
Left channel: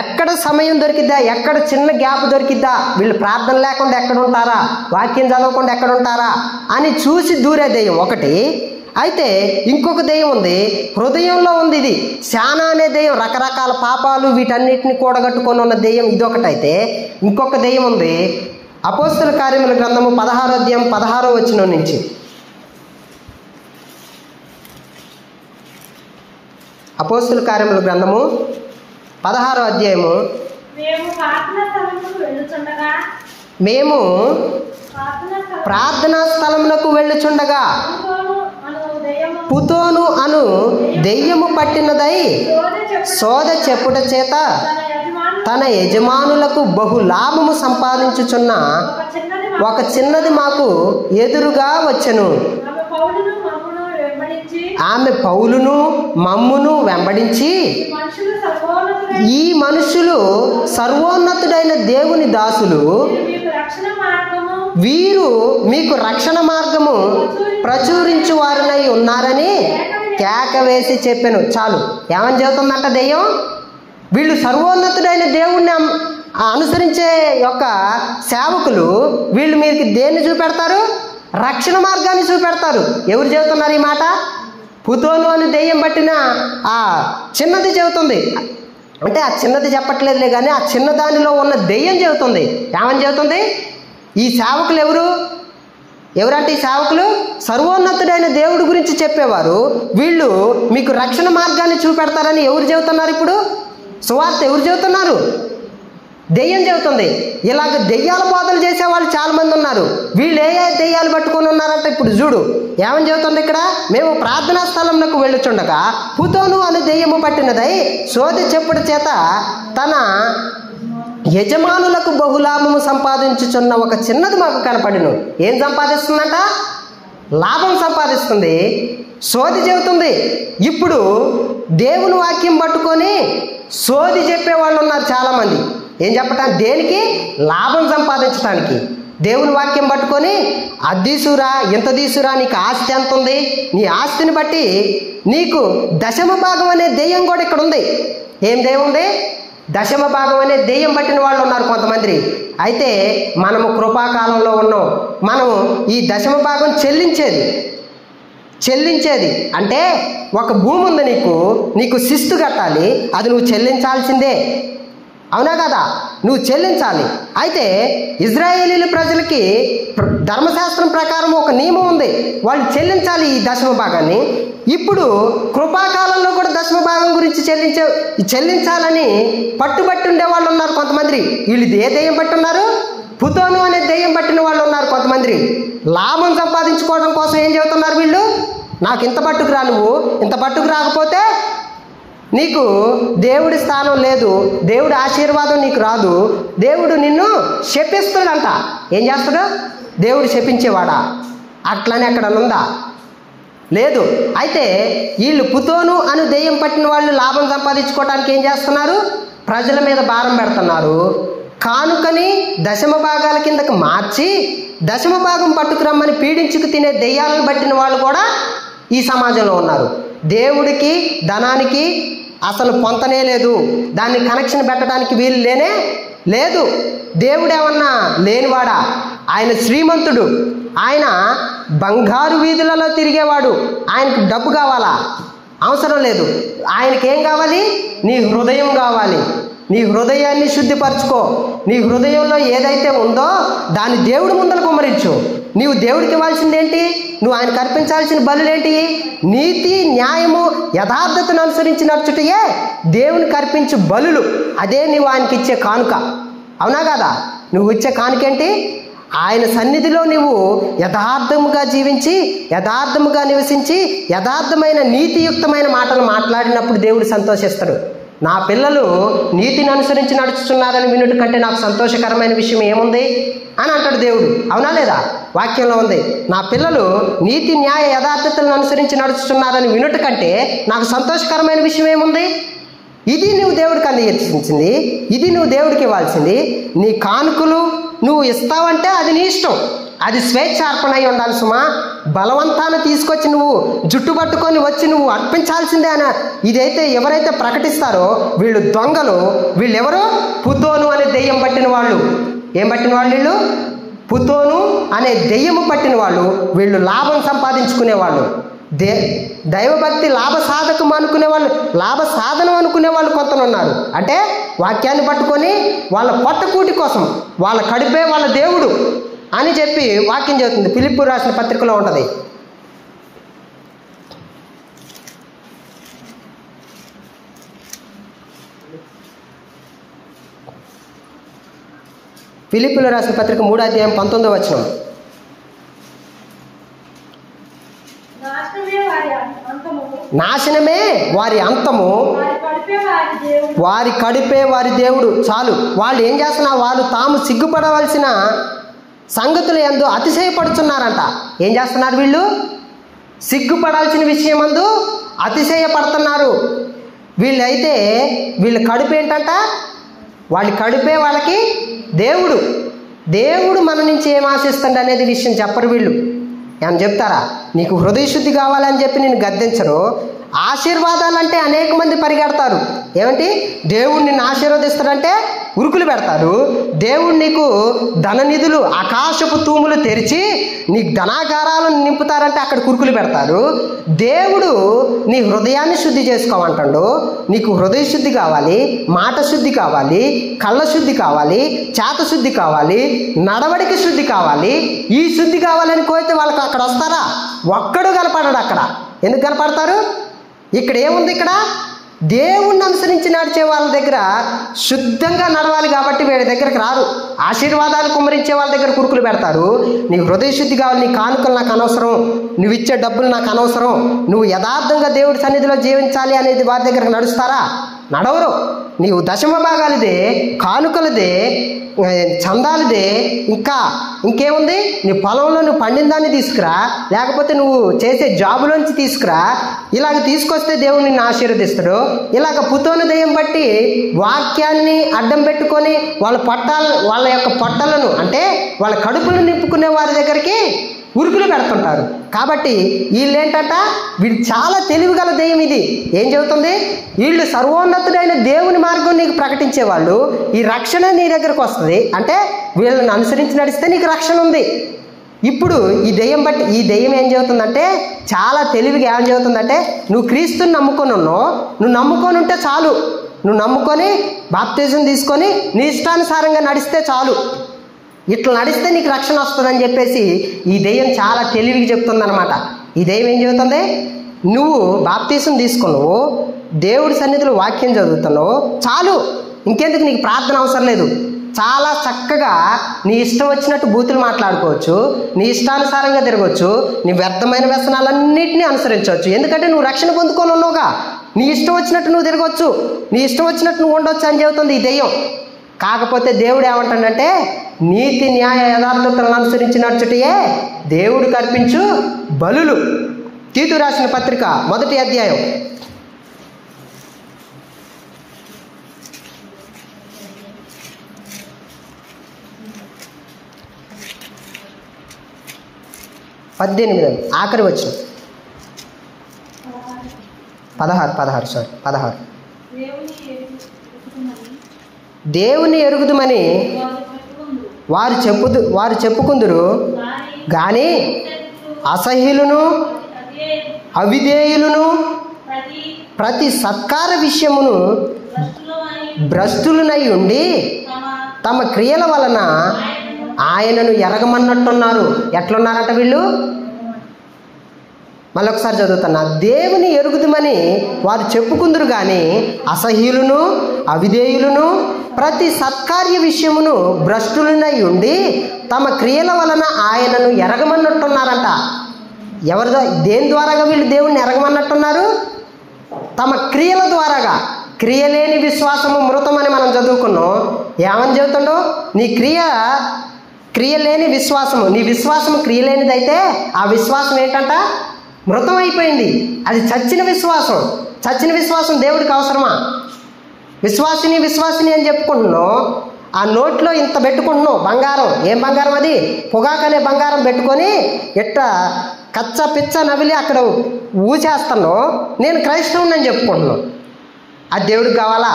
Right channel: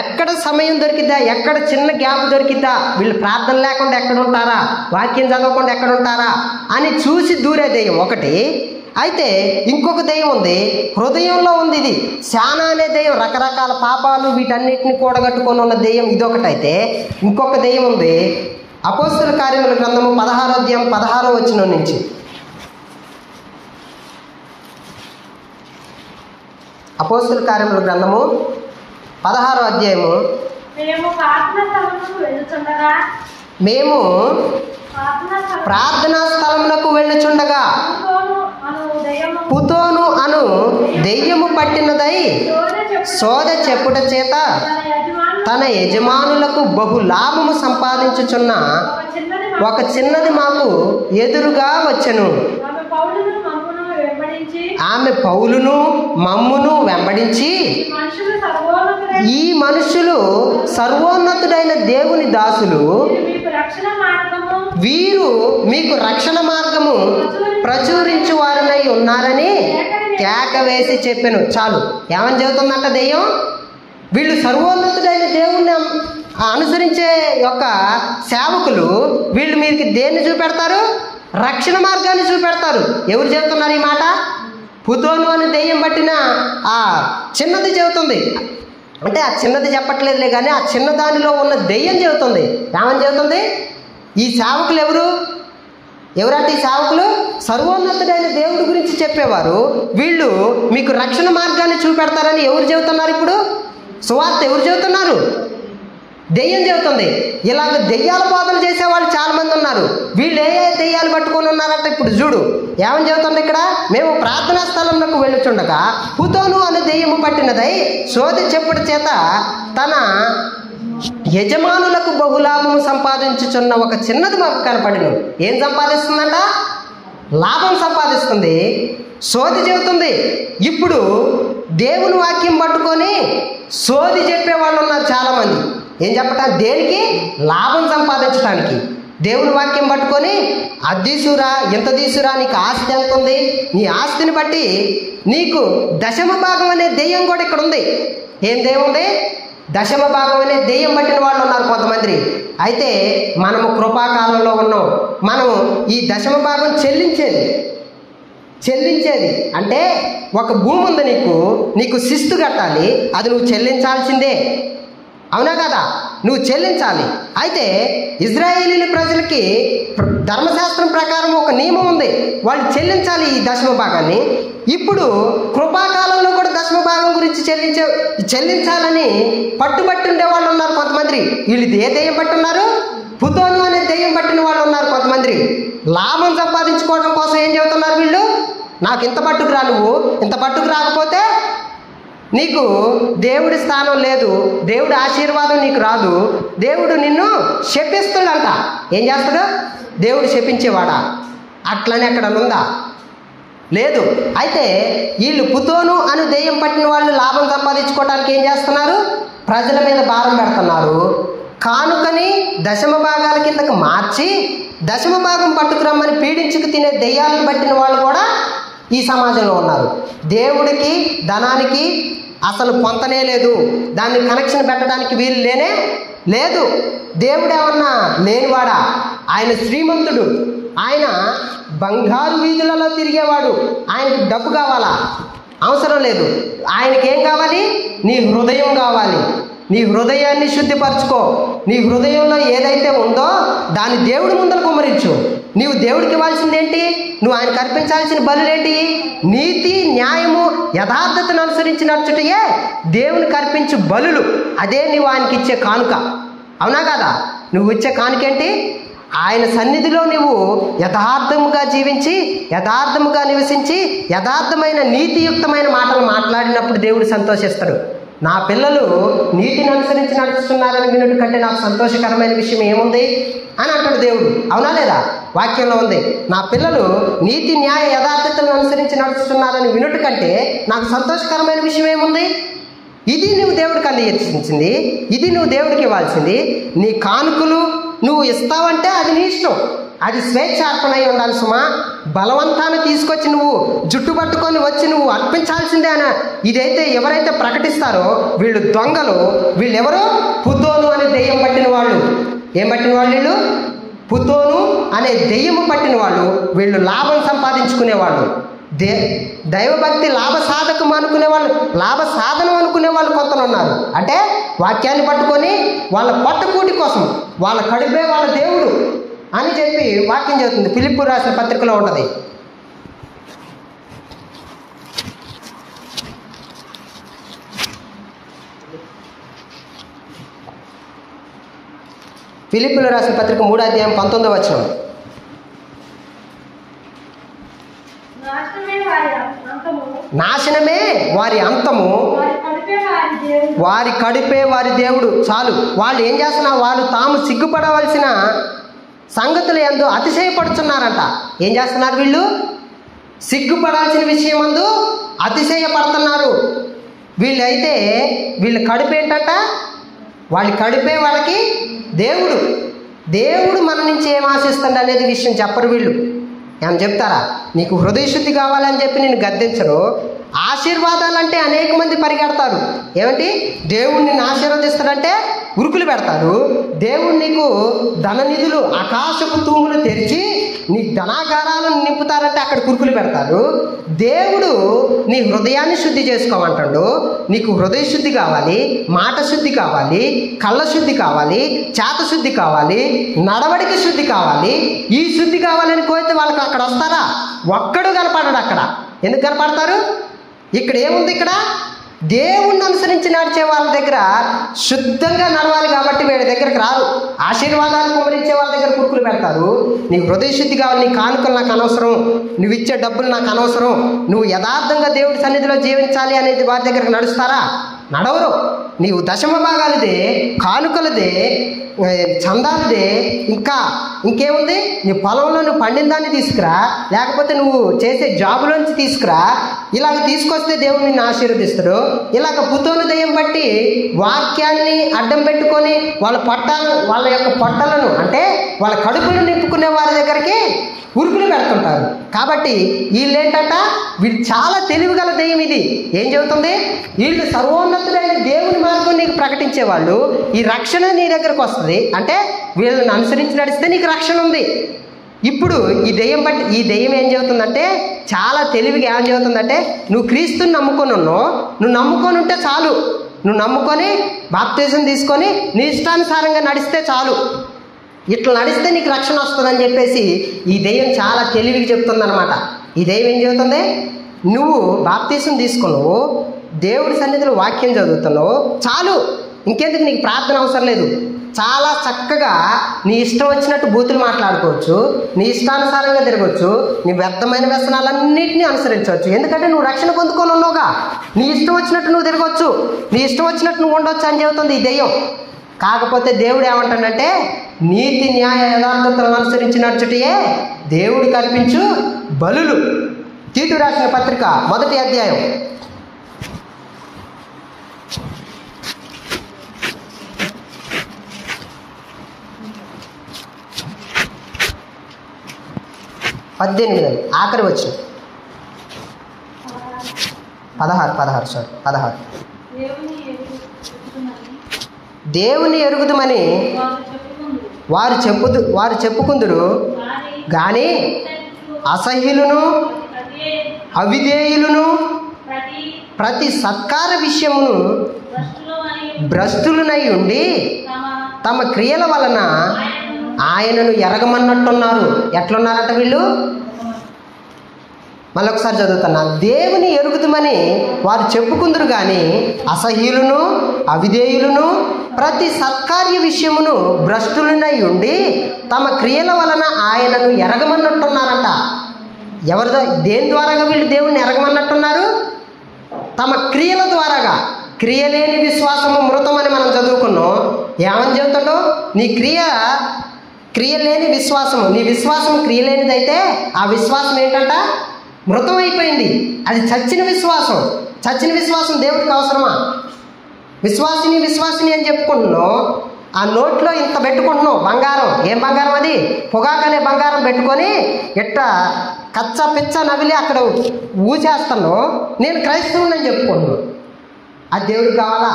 ఎక్కడ సమయం దొరికిద్దా, ఎక్కడ చిన్న గ్యాప్ దొరికిద్దా, వీళ్ళు ప్రార్థన లేకుండా ఎక్కడ ఉంటారా, వాక్యం చదవకుండా ఎక్కడ ఉంటారా అని చూసి దూరే దెయ్యం ఒకటి. అయితే ఇంకొక దెయ్యం ఉంది, హృదయంలో ఉంది. ఇది శానా అనే దెయ్యం, రకరకాల పాపాలు వీటన్నిటిని కూడగట్టుకొని ఉన్న దెయ్యం ఇదొకటి. అయితే ఇంకొక దెయ్యం ఉంది, అపోస్తల కార్యముల గ్రంథము 16వ అధ్యాయం 16వ వచనం నుంచి. అపోస్తల కార్యముల గ్రంథము 16వ అధ్యాయము. మేము ప్రార్థనా స్థలమునకు వెళ్ళుచుండగా పుతోను అను దెయ్యము పట్టినదై సోద చెప్పుట చేత తన యజమానులకు బహు లాభము సంపాదించుచున్న ఒక చిన్నది మాకు ఎదురుగా వచ్చెను. ఆమె పౌలును మమ్మును వెంబడించి, ఈ మనుషులు సర్వోన్నతుడైన దేవుని దాసులు, వీరు మీకు రక్షణ మార్గము ప్రచురించు వారనై ఉన్నారని కేక వేసి చెప్పాను. చాలు. ఏమని చెబుతుందంట దెయ్యం? వీళ్ళు సర్వోన్నతుడైన దేవుణ్ణి అనుసరించే యొక్క సేవకులు, వీళ్ళు మీకు దేన్ని చూపెడతారు? రక్షణ మార్గాన్ని చూపెడతారు. ఎవరు చెబుతున్నారు ఈ మాట? పుతోను అని దెయ్యం పట్టిన ఆ చిన్నది చెబుతుంది. అంటే ఆ చిన్నది చెప్పట్లేదులే కానీ ఆ చిన్నదానిలో ఉన్న దెయ్యం చెబుతుంది. ఏమని చెబుతుంది? ఈ సేవకులు ఎవరంటే ఈ సేవకులు సర్వోన్నతుడైన దేవుడి గురించి చెప్పేవారు. వీళ్ళు మీకు రక్షణ మార్గాన్ని చూపెడతారని ఎవరు చెబుతున్నారు? ఇప్పుడు సువార్త ఎవరు చెబుతున్నారు? దెయ్యం చెబుతుంది. ఇలాగ దెయ్యాల బోధలు చేసేవాళ్ళు చాలా మంది ఉన్నారు. వీళ్ళు ఏ దెయ్యాలు పట్టుకొని ఉన్నారంటే ఇప్పుడు చూడు ఏమని చెబుతుంది ఇక్కడ. మేము ప్రార్థనా స్థలంలోకి వెళ్ళుచుండగా పుతోను అనే దెయ్యము పట్టినదై సోద చెప్పుట చేత తన యజమానులకు బహులాభము సంపాదించుచున్న ఒక చిన్నది మాకు కనపడిను. ఏం సంపాదిస్తుందంట? లాభం సంపాదిస్తుంది. సోది చెబుతుంది. ఇప్పుడు దేవుని వాక్యం పట్టుకొని సోది చెప్పేవాళ్ళు ఉన్నారు చాలా మంది. ఏం చెప్పటానికి? దేనికి? లాభం సంపాదించడానికి. దేవుని వాక్యం పట్టుకొని అద్దీసురా, ఎంత తీసురా, నీకు ఆస్తి ఎంత ఉంది, నీ ఆస్తిని బట్టి నీకు దశమ భాగం అనే దెయ్యం కూడా ఇక్కడ ఉంది. ఏం దెయ్యం ఉంది? దశమ భాగం అనే దెయ్యం పట్టిన వాళ్ళు ఉన్నారు కొంతమంది. అయితే మనము కృపాకాలంలో ఉన్నాం. మనము ఈ దశమ భాగం చెల్లించేది అంటే ఒక భూమి ఉంది, నీకు శిస్తు కట్టాలి, అది నువ్వు చెల్లించాల్సిందే. అవునా కదా? నువ్వు చెల్లించాలి. అయితే ఇజ్రాయేలీల ప్రజలకి ధర్మశాస్త్రం ప్రకారం ఒక నియమం ఉంది, వాళ్ళు చెల్లించాలి ఈ దశమ భాగాన్ని. ఇప్పుడు కృపాకాలంలో కూడా దశమ భాగం గురించి చెల్లించాలని పట్టుబట్టి ఉండే వాళ్ళు ఉన్నారు కొంతమంది. వీళ్ళు ఏ దెయ్యం పట్టున్నారు? పుతోను అనే దెయ్యం పట్టిన వాళ్ళు ఉన్నారు కొంతమంది. లాభం సంపాదించుకోవడం కోసం ఏం చెబుతున్నారు వీళ్ళు? నాకు ఇంత పట్టుకురా, నువ్వు ఇంత పట్టుకు రాకపోతే నీకు దేవుడి స్థానం లేదు, దేవుడి ఆశీర్వాదం నీకు రాదు, దేవుడు నిన్ను శపిస్తాడంట. ఏం చేస్తాడు? దేవుడు శపించేవాడా? అట్లనే అక్కడ ఉందా? లేదు. అయితే వీళ్ళు పుతోను అని దెయ్యం పట్టిన వాళ్ళు లాభం సంపాదించుకోవడానికి ఏం చేస్తున్నారు? ప్రజల మీద భారం పెడుతున్నారు. కానుకని దశమ భాగాల కిందకి మార్చి దశమ భాగం పట్టుకురమ్మని పీడించుకు తినే దెయ్యాలను పట్టిన వాళ్ళు కూడా ఈ సమాజంలో ఉన్నారు. దేవుడికి ధనానికి అసలు పొంతనే లేదు, దాన్ని కనెక్షన్ పెట్టడానికి వీలు లేదు. దేవుడేమన్నా లేనివాడా? ఆయన శ్రీమంతుడు, ఆయన బంగారు వీధులలో తిరిగేవాడు. ఆయనకు డబ్బు కావాలా? అవసరం లేదు. ఆయనకి ఏం కావాలి? నీ హృదయం కావాలి. నీ హృదయాన్ని శుద్ధిపరచుకో. నీ హృదయంలో ఏదైతే ఉందో దాన్ని దేవుడి ముందర కుమ్మరించు. నీవు దేవుడికి ఇవ్వాల్సింది ఏంటి? నువ్వు ఆయనకు అర్పించాల్సిన బలులేంటి? నీతి, న్యాయము, యథార్థతను అనుసరించి నడుచుటయే దేవునికి అర్పించు బలులు. అదే నువ్వు ఆయనకి ఇచ్చే కానుక. అవునా కదా? నువ్వు ఇచ్చే కానుకేంటి? ఆయన సన్నిధిలో నువ్వు యథార్థముగా జీవించి, యథార్థముగా నివసించి, యథార్థమైన నీతియుక్తమైన మాటలు మాట్లాడినప్పుడు దేవుడు సంతోషిస్తాడు. నా పిల్లలు నీతిని అనుసరించి నడుచుతున్నారని వినుట కంటే నాకు సంతోషకరమైన విషయం ఏముంది అని అంటాడు దేవుడు. అవునా లేదా? వాక్యంలో ఉంది, నా పిల్లలు నీతి, న్యాయ, యథార్థతను అనుసరించి నడుచుతున్నారని వినుట కంటే నాకు సంతోషకరమైన విషయం ఏముంది? ఇది నువ్వు దేవుడికి అందించింది, ఇది నువ్వు దేవుడికి ఇవ్వాల్సింది. నీ కానుకలు, నువ్వు ఇస్తావంటే అది నీ ఇష్టం, అది స్వేచ్ఛార్పణ అయి ఉండాలి సుమా. బలవంతాన్ని తీసుకొచ్చి నువ్వు జుట్టు పట్టుకొని వచ్చి నువ్వు అర్పించాల్సిందే అని ఇదైతే ఎవరైతే ప్రకటిస్తారో వీళ్ళు దొంగలు. వీళ్ళెవరు? పుతోను అనే దెయ్యం పట్టిన వాళ్ళు. ఏం పట్టిన వాళ్ళు వీళ్ళు? పుతోను అనే దెయ్యము పట్టిన వాళ్ళు. వీళ్ళు లాభం సంపాదించుకునేవాళ్ళు. దైవభక్తి లాభ సాధకం అనుకునే వాళ్ళు, లాభ సాధనం అనుకునే వాళ్ళు కొంతలు ఉన్నారు. అంటే వాక్యాన్ని పట్టుకొని వాళ్ళ పొట్టకూటి కోసం, వాళ్ళ కడుపే వాళ్ళ దేవుడు అని చెప్పి వాక్యం చెబుతుంది. ఫిలిప్పు రాసిన పత్రికలో ఉంటుంది. ఫిలిప్పులో రాసిన పత్రిక 3వ అధ్యాయం 19వ వచనం. నాశనమే వారి అంతము, వారి కడుపే వారి దేవుడు. చాలు. వాళ్ళు ఏం చేస్తున్నారు? వాళ్ళు తాము సిగ్గుపడవలసిన సంగతులు ఎందు అతిశయపడుతున్నారంట. ఏం చేస్తున్నారు వీళ్ళు? సిగ్గుపడాల్సిన విషయం అందు అతిశయపడుతున్నారు. వీళ్ళైతే వీళ్ళ కడుపు ఏంటంట? వాళ్ళ కడుపే వాళ్ళకి దేవుడు. దేవుడు మన నుంచి ఏం ఆశిస్తాడు అనేది విషయం చెప్పరు వీళ్ళు. ఏమని చెప్తారా? నీకు హృదయ శుద్ధి కావాలని చెప్పి నేను గద్దించరు. ఆశీర్వాదాలంటే అనేక మంది పరిగెడతారు. ఏమిటి? దేవుడు నిన్ను ఆశీర్వదిస్తాడంటే ఉరుకులు పెడతారు. దేవుడు నీకు ధన నిధులు, ఆకాశపు తూములు తెరిచి నీకు ధనాగారాలను నింపుతారంటే అక్కడ కురుకులు పెడతారు. దేవుడు నీ హృదయాన్ని శుద్ధి చేసుకోమంటాడు. నీకు హృదయ శుద్ధి కావాలి, మాట శుద్ధి కావాలి, కళ్ళ శుద్ధి కావాలి, చేత శుద్ధి కావాలి, నడవడిక శుద్ధి కావాలి. ఈ శుద్ధి కావాలని కోరితే వాళ్ళకి అక్కడ వస్తారా? ఒక్కడు కనపడడు అక్కడ. ఎందుకు కనపడతారు? ఇక్కడ ఏముంది? ఇక్కడ దేవుణ్ణి అనుసరించి నడిచే వాళ్ళ దగ్గర శుద్ధంగా నడవాలి కాబట్టి వీళ్ళ దగ్గరికి రారు. ఆశీర్వాదాలు కుమ్మరించే వాళ్ళ దగ్గర కురుకులు పెడతారు. నీ హృదయ శుద్ధి కావాలి, నీ కానుకలు నాకు అనవసరం, నువ్వు ఇచ్చే డబ్బులు నాకు అనవసరం, నువ్వు యథార్థంగా దేవుడి సన్నిధిలో జీవించాలి అనేది వారి దగ్గర నడుస్తారా? నడవరు. నీవు దశమ భాగాలదే, కానుకలదే, చందాలదే, ఇంకేముంది? నీ పొలంలో నువ్వు పండిన దాన్ని తీసుకురా, లేకపోతే నువ్వు చేసే జాబులోంచి తీసుకురా. ఇలాగ తీసుకొస్తే దేవుడు నిన్ను ఆశీర్వదిస్తాడు. ఇలాగ పుతోను దెయ్యం బట్టి వాక్యాన్ని అడ్డం పెట్టుకొని వాళ్ళ యొక్క పొట్టలను అంటే వాళ్ళ కడుపులు నింపుకునే వారి దగ్గరికి ఉరుకులు పెడుతుంటారు. కాబట్టి వీళ్ళేంటంట? వీళ్ళు చాలా తెలివిగల దెయ్యం. ఇది ఏం చెబుతుంది? వీళ్ళు సర్వోన్నతుడైన దేవుని మార్గం నీకు ప్రకటించేవాళ్ళు. ఈ రక్షణ నీ దగ్గరకు వస్తుంది అంటే వీళ్ళని అనుసరించి నడిస్తే నీకు రక్షణ ఉంది. ఇప్పుడు ఈ దెయ్యం ఏం చెబుతుందంటే, చాలా తెలివిగా ఏం చెబుతుందంటే, నువ్వు క్రీస్తుని నమ్ముకొని ఉన్నావు, నువ్వు నమ్ముకొని ఉంటే చాలు, నువ్వు నమ్ముకొని బాప్తిజం తీసుకొని నీ ఇష్టానుసారంగా నడిస్తే చాలు, ఇట్లా నడిస్తే నీకు రక్షణ వస్తుందని చెప్పేసి ఈ దెయ్యం చాలా తెలివిగా చెప్తుందనమాట. ఈ దెయ్యం ఏం చెబుతుంది? నువ్వు బాప్తిజం తీసుకున్నావు, దేవుడి సన్నిధిలో వాక్యం చదువుతున్నావు, చాలు, ఇంకెందుకు నీకు ప్రార్థన అవసరం లేదు. చాలా చక్కగా నీ ఇష్టం వచ్చినట్టు బూతులు మాట్లాడుకోవచ్చు, నీ ఇష్టానుసారంగా తిరగవచ్చు, నీ వ్యర్థమైన వ్యసనాలన్నింటినీ అనుసరించవచ్చు. ఎందుకంటే నువ్వు రక్షణ పొందుకొని ఉన్నావుగా. నీ ఇష్టం వచ్చినట్టు నువ్వు తిరగవచ్చు, నీ ఇష్టం వచ్చినట్టు నువ్వు ఉండొచ్చు అని చెబుతుంది ఈ దెయ్యం. కాకపోతే దేవుడు ఏమంటాడంటే, నీతి న్యాయ యథార్థతలను అనుసరించి నడుచుటయే దేవుడు కల్పించు బలులు. తీతు రాసిన పత్రిక 1వ అధ్యాయం 18 ఆఖరి వచ్చిన 16 దేవుని ఎరుగుదుమని వారు చెప్పుకుందురు గాని అసహ్యులను అవిధేయులను ప్రతి సత్కార విషయమును భ్రష్టులనై ఉండి తమ క్రియల వలన ఆయనను ఎరగమన్నట్టున్నారు. ఎట్లున్నారట వీళ్ళు? మళ్ళొకసారి చదువుతున్నా. దేవుని ఎరుగుదుమని వారు చెప్పుకుందరు గాని అసహ్యులను అవిధేయులను ప్రతి సత్కార్య విషయమును భ్రష్టులనై ఉండి తమ క్రియల వలన ఆయనను ఎరగమన్నట్టున్నారంట. దేని ద్వారాగా వీళ్ళు దేవుణ్ణి ఎరగమన్నట్టున్నారు? తమ క్రియల ద్వారాగా. క్రియలేని విశ్వాసము మృతమని మనం చదువుకున్నాం. ఏమని చెబుతాడో? నీ క్రియలేని విశ్వాసము, నీ విశ్వాసము క్రియలేనిదైతే ఆ విశ్వాసం ఏంటంట? మృతం అయిపోయింది. అది చచ్చిన విశ్వాసం. చచ్చిన విశ్వాసం దేవుడికి అవసరమా? విశ్వాసిని అని చెప్పుకుంటున్నాం. ఆ నోట్లో ఇంత పెట్టుకుంటున్నావు బంగారం. ఏం బంగారం అది? పొగాకనే బంగారం పెట్టుకొని ఎట్ట కచ్చ పిచ్చ నవిలి అక్కడ ఊచేస్తున్నావు. నేను క్రైస్తవుని చెప్పుకుంటున్నావు. అది దేవుడికి కావాలా?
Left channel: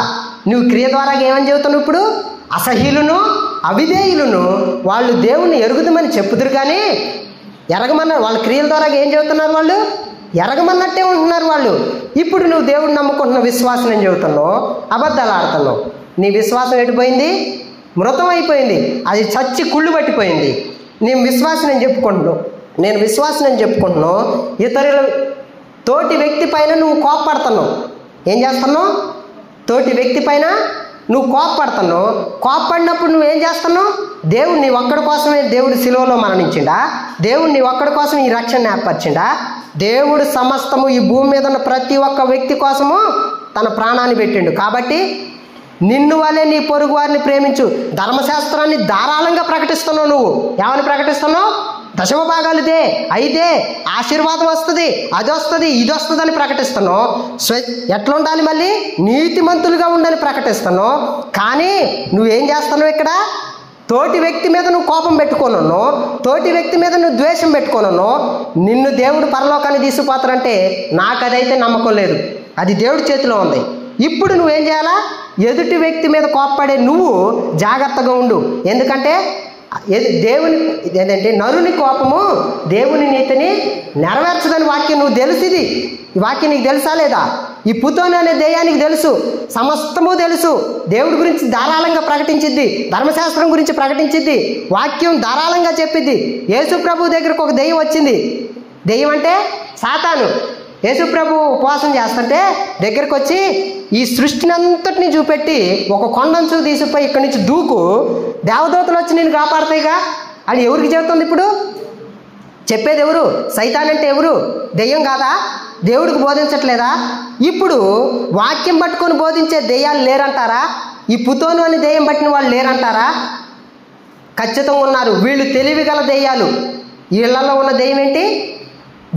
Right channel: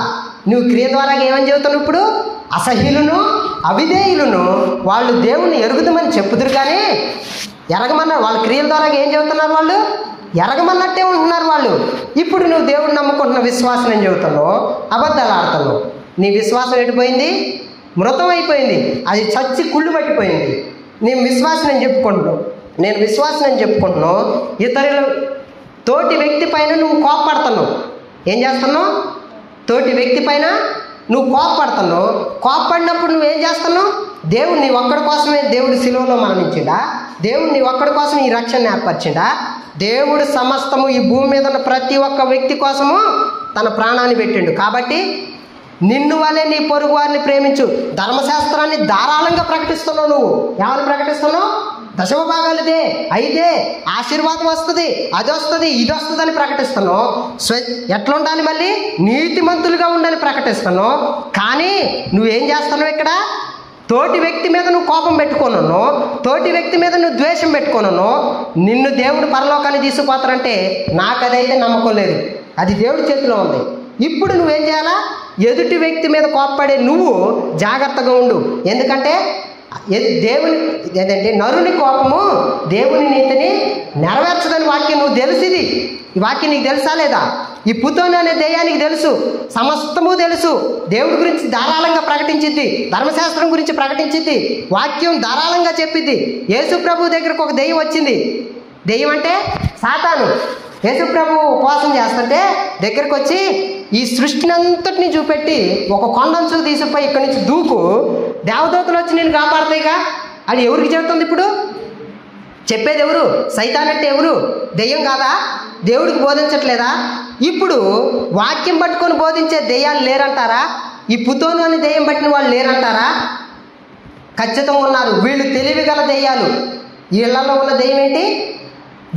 నువ్వు క్రియ ద్వారా ఏమని చెబుతున్నావు? ఇప్పుడు అసహ్యులను అవిధేయులను వాళ్ళు దేవుణ్ణి ఎరుగుదమని చెప్పుదురు, కానీ ఎరగమన్నారు. వాళ్ళ క్రియల ద్వారా ఏం చెబుతున్నారు? వాళ్ళు ఎరగమన్నట్టే ఉంటున్నారు వాళ్ళు. ఇప్పుడు నువ్వు దేవుడిని నమ్ముకుంటున్న విశ్వాసం అని చెబుతున్నావు, అబద్ధాలు ఆడుతున్నావు. నీ విశ్వాసం ఎడిపోయింది, మృతం అయిపోయింది, అది చచ్చి కుళ్ళు పట్టిపోయింది. నేను విశ్వాసం అని చెప్పుకుంటున్నావు, నేను విశ్వాసం అని చెప్పుకుంటున్నావు. ఇతరుల తోటి వ్యక్తి పైన నువ్వు కోపపడుతున్నావు. ఏం చేస్తున్నావు? తోటి వ్యక్తి పైన నువ్వు కోపపడుతున్నావు. కోపపడినప్పుడు నువ్వేం చేస్తున్నావు? దేవుడు నీ ఒక్కడి కోసమే దేవుడు శిలువలో మరణించిండా? దేవుడు నీ ఒక్కడి కోసం ఈ రక్షణ ఏర్పరిచిండా? దేవుడు సమస్తము ఈ భూమి మీద ఉన్న ప్రతి ఒక్క వ్యక్తి కోసము తన ప్రాణాన్ని పెట్టిండు. కాబట్టి నిన్ను వలె నీ పొరుగు వారిని ప్రేమించు. ధర్మశాస్త్రాన్ని ధారాళంగా ప్రకటిస్తున్నావు. నువ్వు ఏమని ప్రకటిస్తున్నావు? దశమ భాగాలుదే అయితే ఆశీర్వాదం వస్తుంది, అది వస్తుంది, ఇది వస్తుంది అని ప్రకటిస్తున్నావు. ఎట్లా ఉండాలి? మళ్ళీ నీతిమంతులుగా ఉండని ప్రకటిస్తున్నావు. కానీ నువ్వేం చేస్తున్నావు? ఇక్కడ తోటి వ్యక్తి మీద నువ్వు కోపం పెట్టుకోనున్నావు, తోటి వ్యక్తి మీద నువ్వు ద్వేషం పెట్టుకోనున్నావు. నిన్ను దేవుడు పరలోకాన్ని తీసుకుపోతారంటే నాకు అదైతే నమ్మకం లేదు. అది దేవుడి చేతిలో ఉంది. ఇప్పుడు నువ్వేం చేయాలా? ఎదుటి వ్యక్తి మీద కోపపడే నువ్వు జాగ్రత్తగా ఉండు. ఎందుకంటే దేవుని ఏంటంటే నరుని కోపము దేవుని నీతిని నెరవేర్చదని వాక్యం నువ్వు తెలిసింది. ఈ వాక్యం నీకు తెలుసా లేదా? ఈ పుతోను అనే దెయ్యానికి తెలుసు, సమస్తము తెలుసు. దేవుడి గురించి ధారాళంగా ప్రకటించిద్ది, ధర్మశాస్త్రం గురించి ప్రకటించిద్ది, వాక్యం ధారాళంగా చెప్పిద్ది. యేసు ప్రభు దగ్గరకు ఒక దెయ్యం వచ్చింది. దెయ్యం అంటే సాతాను. యేసు ప్రభు ఉపవాసం చేస్తుంటే దగ్గరకు వచ్చి ఈ సృష్టిని అంతటిని చూపెట్టి ఒక కొండంచు తీసుకుపోయి ఇక్కడి నుంచి దూకు, దేవదూతలు వచ్చి నేను కాపాడతాయిగా అని ఎవరికి చెబుతుంది? ఇప్పుడు చెప్పేది ఎవరు? సైతాన్ అంటే ఎవరు? దెయ్యం కాదా? దేవుడికి బోధించట్లేదా? ఇప్పుడు వాక్యం పట్టుకొని బోధించే దెయ్యాలు లేరంటారా? ఈ పుతోను అనే దెయ్యం పట్టిన వాళ్ళు లేరంటారా? ఖచ్చితంగా ఉన్నారు. వీళ్ళు తెలివి గల దెయ్యాలు. వీళ్ళలో ఉన్న దెయ్యం ఏంటి?